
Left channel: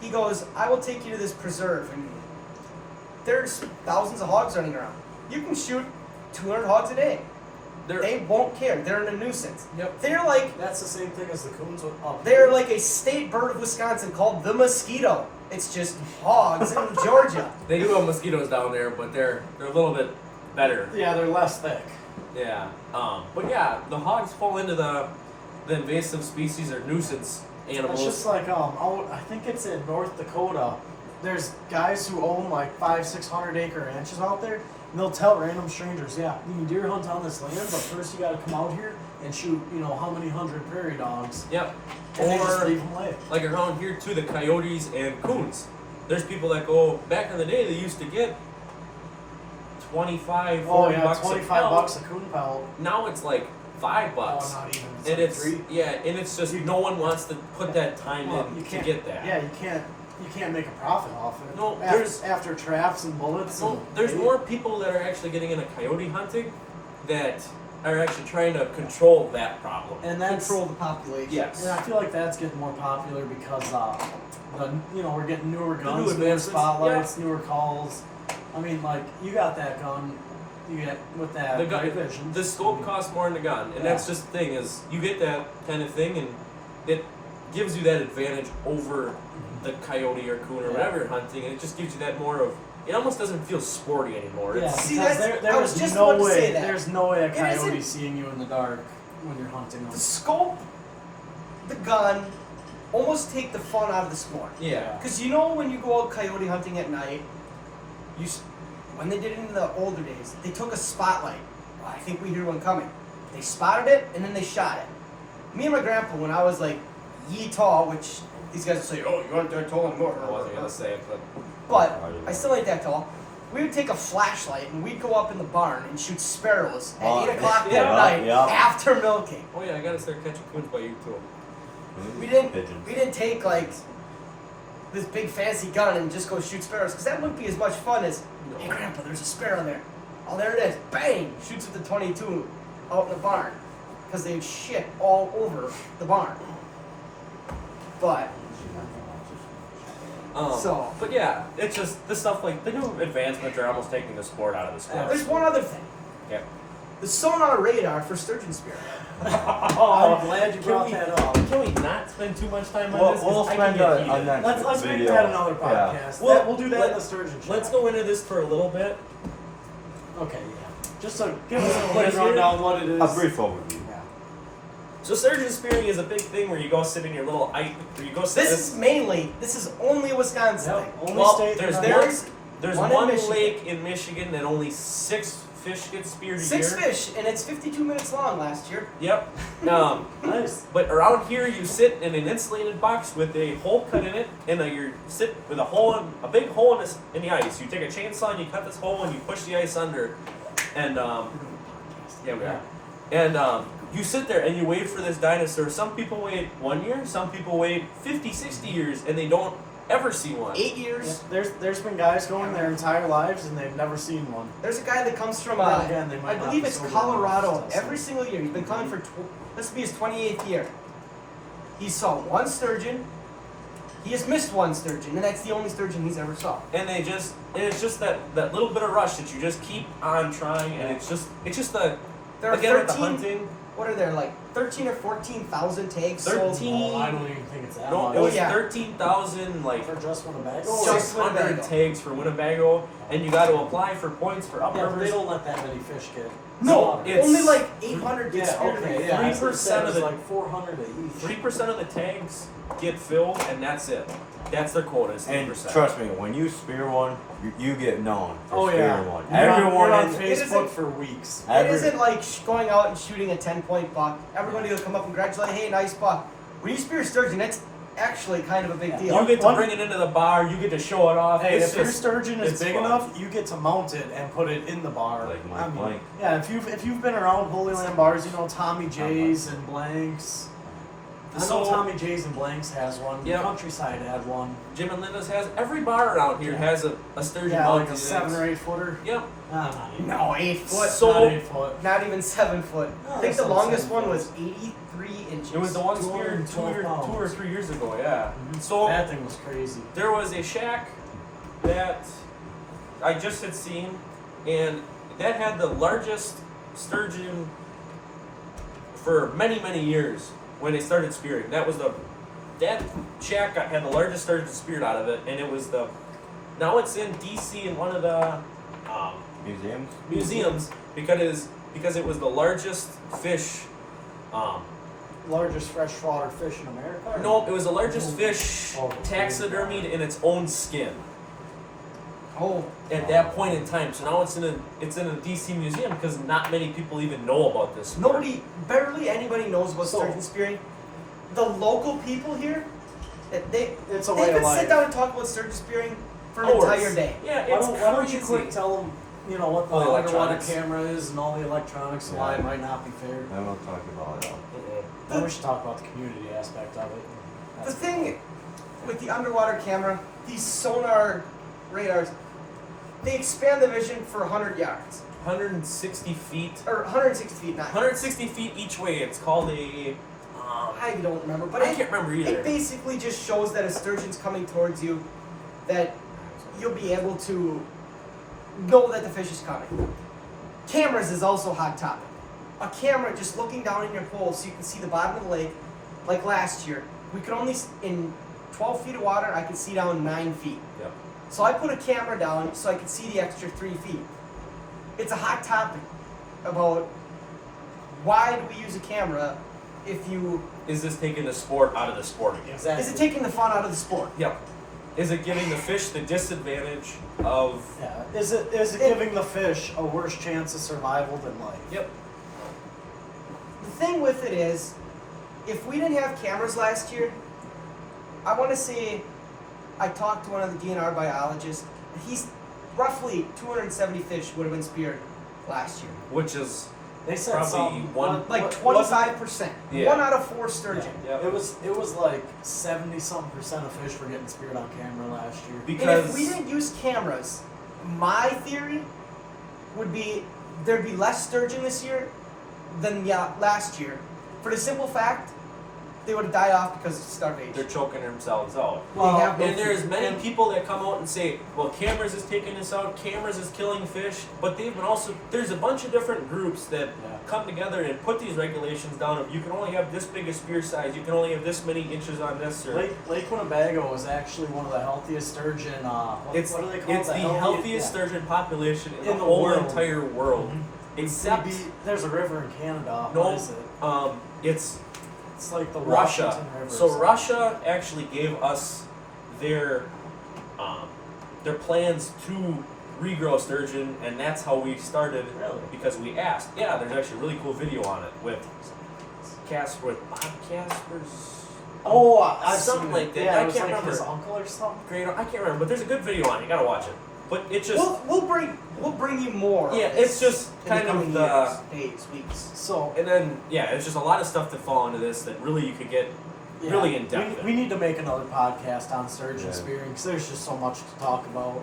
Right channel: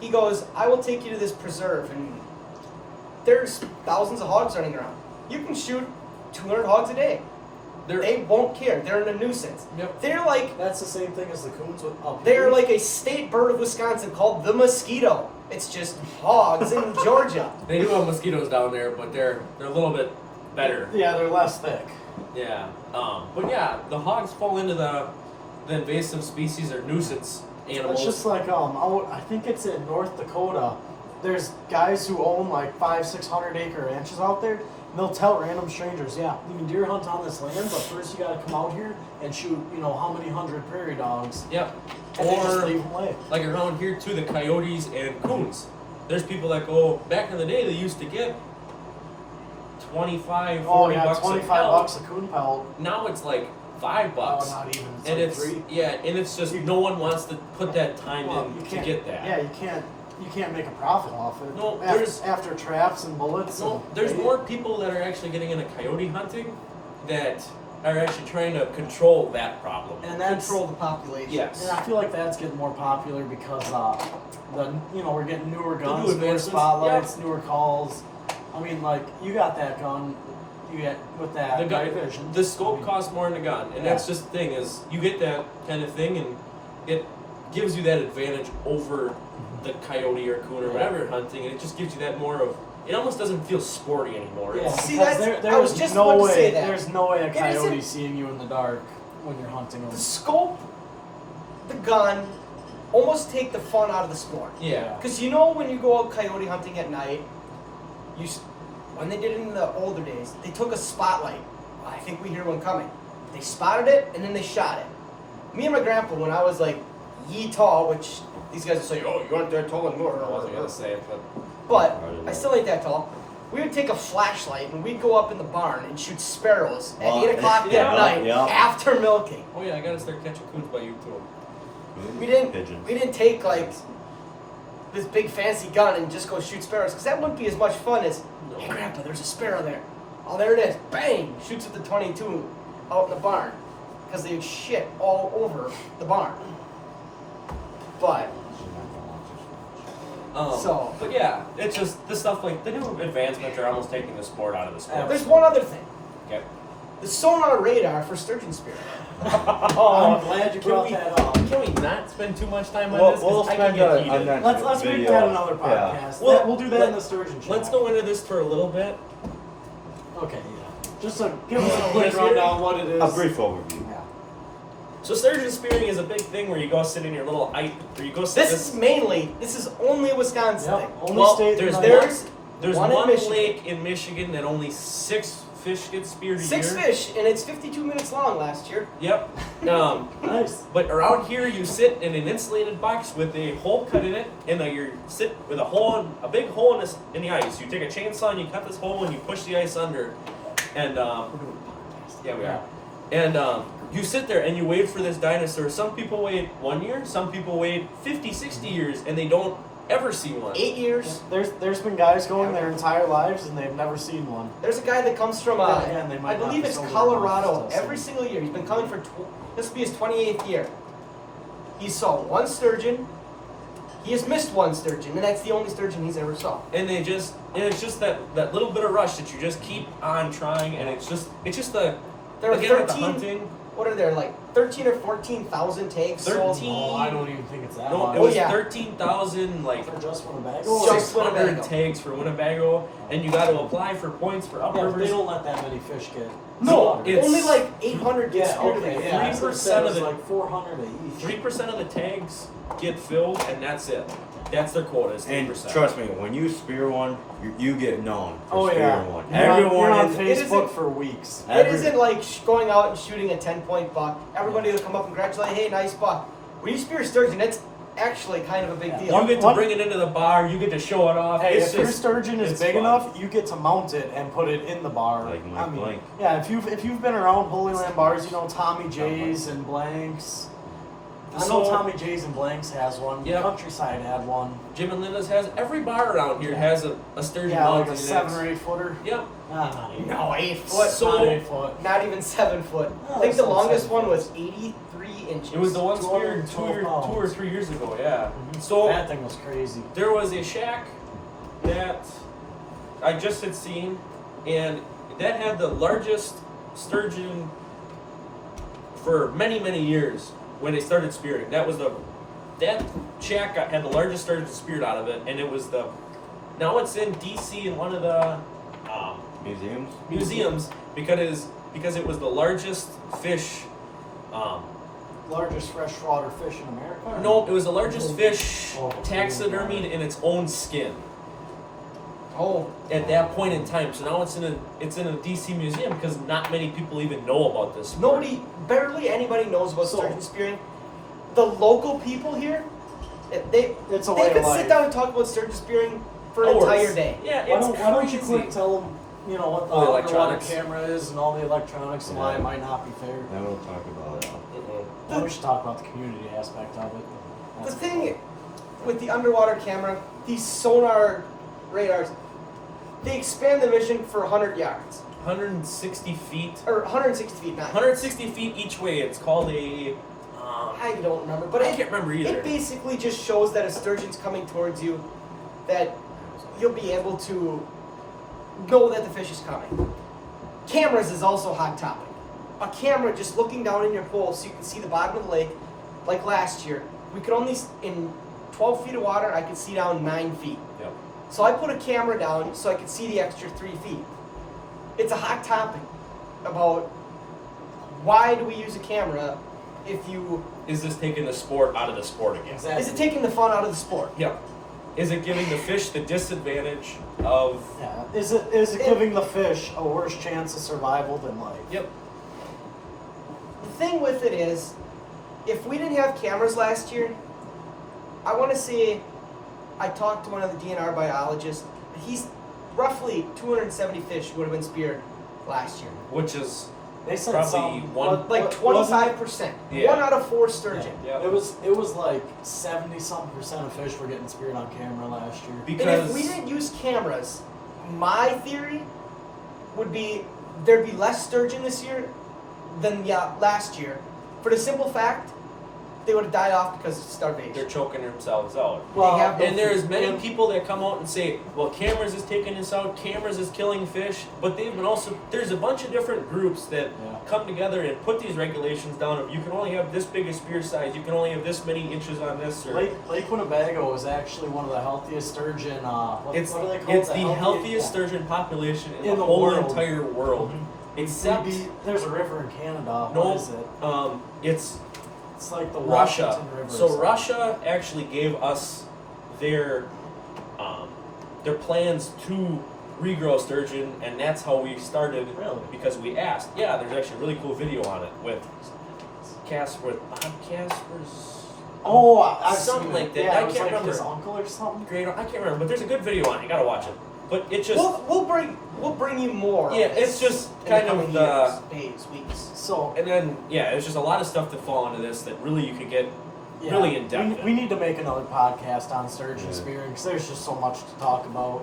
He goes, I will take you to this preserve, and there's thousands of hogs running around. You can shoot 200 hogs a day. They won't care. They're a nuisance. Yep. They're like That's the same thing as the coons up they're here. like a state bird of Wisconsin called the mosquito. It's just hogs in Georgia. They do have mosquitoes down there, but they're a little bit better. Yeah, they're less thick. Yeah. But yeah, the hogs fall into the invasive species or nuisance animals. It's just like out, I think it's in North Dakota. There's guys who own like 500-600 acre ranches out there, and they'll tell random strangers, yeah, you can deer hunt on this land, but first you got to come out here and shoot, how many hundred prairie dogs, Yep. and they just Or leave them lay. like around here too, the coyotes and coons. There's people that go back in the day. They used to get 25, 40 Oh yeah, bucks a 25 pelt. bucks a coon pelt. Now it's like $5. Oh, not even. And like it's three. and it's just no one wants to put that time Well, in you to can't get that. Yeah, you can't make a profit off it. No, after traps and bullets. No, and there's bait. more people that are actually getting into coyote hunting that are actually trying to control that problem. and that's Control the population. Yes. And I feel like that's getting more popular because we're getting newer new guns, newer advancements, spotlights, newer calls. I mean, like you got that gun, you get with that The gun, night vision. the scope costs more than the gun, and Yeah. that's just the thing is you get that kind of thing, and it gives you that advantage over the coyote or coon or whatever you're hunting, and it just gives you that more of. It almost doesn't feel sporty anymore. Yeah, It's, See, because that's- there I was is just no about to way. say that. There's no way a It coyote isn't- seeing you in the dark when you're hunting them. The scope, the gun, almost take the fun out of the sport. yeah. Because when you go out coyote hunting at night, when they did it in the older days, they took a spotlight. Oh, I think we hear one coming. They spotted it and then they shot it. Me and my grandpa, when I was like yee tall, which these guys will say, oh, you aren't that tall anymore. I wasn't gonna say it, but But I still ain't that tall. We would take a flashlight and we'd go up in the barn and shoot sparrows at Oh, 8 o'clock yeah, at night yeah. after milking. oh yeah, I gotta start catching coons by you too. We didn't. Pigeons. We didn't take like this big fancy gun and just go shoot sparrows because that wouldn't be as much fun as. No. Hey, Grandpa, there's a sparrow there. Oh, there it is. Bang! Shoots at the 22 out in the barn because they had shit all over the barn. But So- but yeah, it's just the stuff like the new advancements are almost taking the sport out of the sport. there's one other thing. Okay. The sonar radar for sturgeon spear. I'm glad you brought that up. Can we not spend too much time on We'll, this? 'Cause we'll I spend can get a heated. next Let's make video. that another Yeah. podcast. Well, We'll do that in the sturgeon show. Let's go into this for a little bit. Okay, yeah. Just to give us a quick Yes, rundown what it is. A brief overview. Yeah. So sturgeon spearing is a big thing where you go sit in your little where you go sit. This is only a Wisconsin Yep. thing. Only Well, state there's that- there's one in one Michigan. lake in Michigan that only 6 fish get speared a 6 year. fish, and it's 52 minutes long last year. Yep. Nice. But around here, you sit in an insulated box with a hole cut in it, and you sit with a big hole in the ice. You take a chainsaw and you cut this hole and you push the ice under, and yeah, we are. And you sit there and you wait for this dinosaur. Some people wait 1 year, some people wait 50, 60 years, and they don't ever see one. 8 years. There's been guys going their entire lives and they've never seen one. There's a guy that comes from, Then again, they might I not believe be it's sober Colorado, enough to every see. single year. He's been coming for, this will be his 28th year. He saw one sturgeon. He has missed one sturgeon, and that's the only sturgeon he's ever saw. And it's just that little bit of rush that you just keep on trying, and it's just the There are again with the 13, hunting. what are there, like 13 or 14,000 tags sold? 13. Oh, I don't even think it's that No, much. it was yeah. 13,000 like For just Winnebago? So- Just 600 Winnebago. tags for Winnebago, and you got to apply for points for Yeah, but they uprivers. don't let that many fish get. No, it's- only like 800 get Yeah, speared okay, in a yeah. year. 3% of the the- like 400 a each. 3% of the tags get filled, and that's it. That's their quota. Is And 3%. trust me, when you spear one, you get known for Oh spearing yeah. one. You're Everyone on in It Facebook isn't- for weeks. It isn't like going out and shooting a 10-point buck. Everybody will come up and congratulate, hey, nice buck. When you spear a sturgeon, actually kind of a big Yeah. deal. You get to What- bring it into the bar. You get to show it off. Hey, It's if your just- sturgeon is it's big fun. enough, you get to mount it and put it in the bar. Like Mike Blank. Yeah, if you've been around Holy Land bars, you know Tommy J's and Blanks. I know So- Tommy J's and Blanks has one. Yeah. Countryside had one. Jim and Linda's has every bar around here has a sturgeon Yeah, like mounted a in 7 it. or 8 footer. Yep. Not 8. No, 8 foot. So- not 8 foot. Not even 7 foot. Oh, I think the that's longest 7 one foot. was 83 inches. It was the one speared 212 2 or 3 years ago. Yeah. Mhm. So That thing was crazy. there was a shack that I just had seen, and that had the largest sturgeon for many, many years when they started spearing. That shack had the largest sturgeon speared out of it, and it was now it's in DC in one of the Museums? museums because it was the largest fish. Largest freshwater fish in America? No, it was the largest fish Oh, taxidermied in its own skin. Oh, At that point in time, so now it's in a DC museum because not many people even know about this. sport. barely anybody knows about So- sturgeon spearing. The local people here, they It's a they way of could life. sit down and talk about sturgeon spearing for an Hours. entire day. Yeah, Why it's don't you crazy. quick tell them, what the All the underwater electronics. camera is and all the electronics and why Yeah. it might not be fair? Then we'll talk about it. Mm-mm. Then we should talk about the community aspect of it. The That's thing with the underwater camera, these sonar radars, they expand the vision for 100 yards 160 feet. or 160 feet, not 160 feet each way. It's called a. I don't remember, but I can't remember either. it basically just shows that a sturgeon's coming towards you, that you'll be able to know that the fish is coming. Cameras is also a hot topic. A camera just looking down in your hole so you can see the bottom of the lake, like last year, we could only, in 12 feet of water, I could see down 9 feet. Yep. So I put a camera down so I could see the extra 3 feet. It's a hot topic about why do we use a camera if you, Is this taking the sport out of the sport again? exactly. is it taking the fun out of the sport? Yep. Is it giving the fish the disadvantage of? Yeah. Is it giving the fish a worse chance of survival than life? Yep. The thing with it is, if we didn't have cameras last year, I want to say, I talked to one of the DNR biologists. He's roughly 270 fish would have been speared last year, Which is They said Probably something, one- like wasn't it- 25%. Yeah. 1 out of 4 sturgeon. yeah. It was like 70-something% of fish were getting speared on camera last year. And because if we didn't use cameras, my theory would be there'd be less sturgeon this year than last year. For the simple fact, they would have died off because of starvation. they're choking themselves out. They have no And there's food. many people that come out and say, well, cameras is taking us out, cameras is killing fish, but they've been also, there's a bunch of different groups that Yeah. come together and put these regulations down of you can only have this big a spear size, you can only have this many inches on this, or Lake Winnebago is actually one of the healthiest sturgeon. What it's, are they called? it's the healthiest yeah. sturgeon population in, In the the whole world. entire world. Mhm. Except, There's a river in Canada. no, What is it? It's It's like the Russia. Washington River. So or something. Russia actually gave us their plans to regrow sturgeon, and that's how we started. Really? Because we asked. Yeah, there's actually a really cool video on it with Bob Casper's. Oh, I've Something seen like it. that. Yeah, I it was can't like remember. his uncle or something. Great, I can't remember, but there's a good video on it. You gotta watch it. But it just We'll bring you more. of yeah, this it's just in the kind coming of years, days, weeks. So and then yeah, there's just a lot of stuff that fall into this that really you could get yeah, really in depth. We need to make another podcast on sturgeon Yeah. spearing because there's just so much to talk about.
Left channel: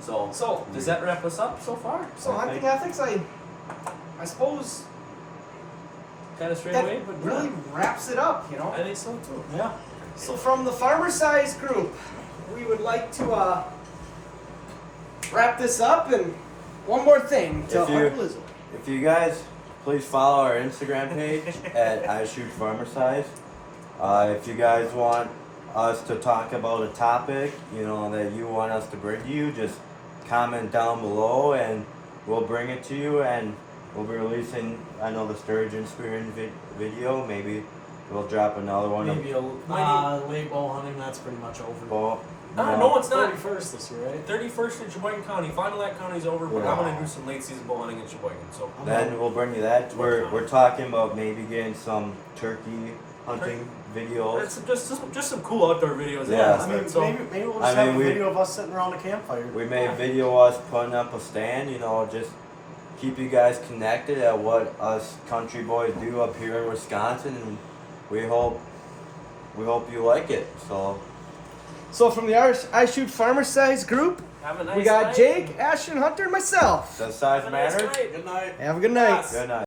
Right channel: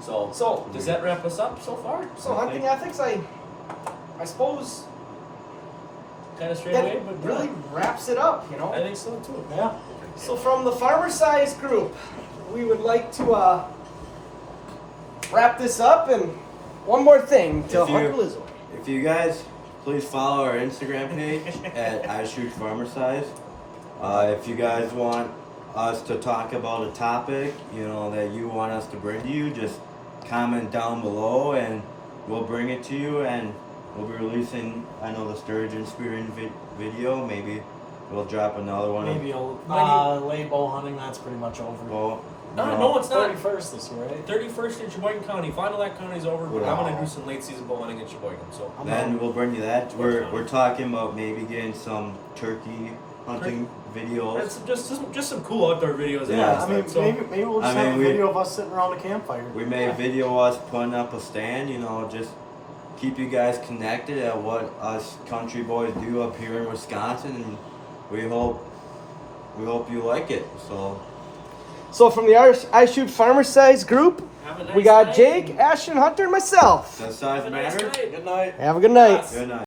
So does that wrap us up so far? So hunting ethics, I suppose Kind of straight that away, but really wraps it up, you know. I think so too. Yeah. So from the Farmer Size Group, we would like to wrap this up, and one more thing to If you- Uncle Izzo. If you guys please follow our Instagram page at I Shoot Farmer Size. If you guys want us to talk about a topic, that you want us to bring to you, just comment down below and we'll bring it to you, and we'll be releasing, I know, the sturgeon spearing video. Maybe we'll drop another one. Maybe late bow hunting. That's pretty much over. Well, No, it's not. 31st this year, right? 31st in Sheboygan County. Fond du Lac County's over, but I'm Wow. gonna do some late season bow hunting in Sheboygan. So I'm Then out. we'll bring you that. What We're time? we're talking about maybe getting some turkey hunting videos. It's just some cool outdoor videos. Yeah. I mean, so, maybe we'll I just have mean, a we- video of us sitting around a campfire. We made video us putting up a stand, you know, just keep you guys connected at what us country boys do up here in Wisconsin, and we hope you like it. So from the I Shoot Farmer Size group, have a nice we got night. Jake, Ashton, Hunter, and myself. Does size Have a nice matter? night. Good night. Have a good night. Yes. Good night.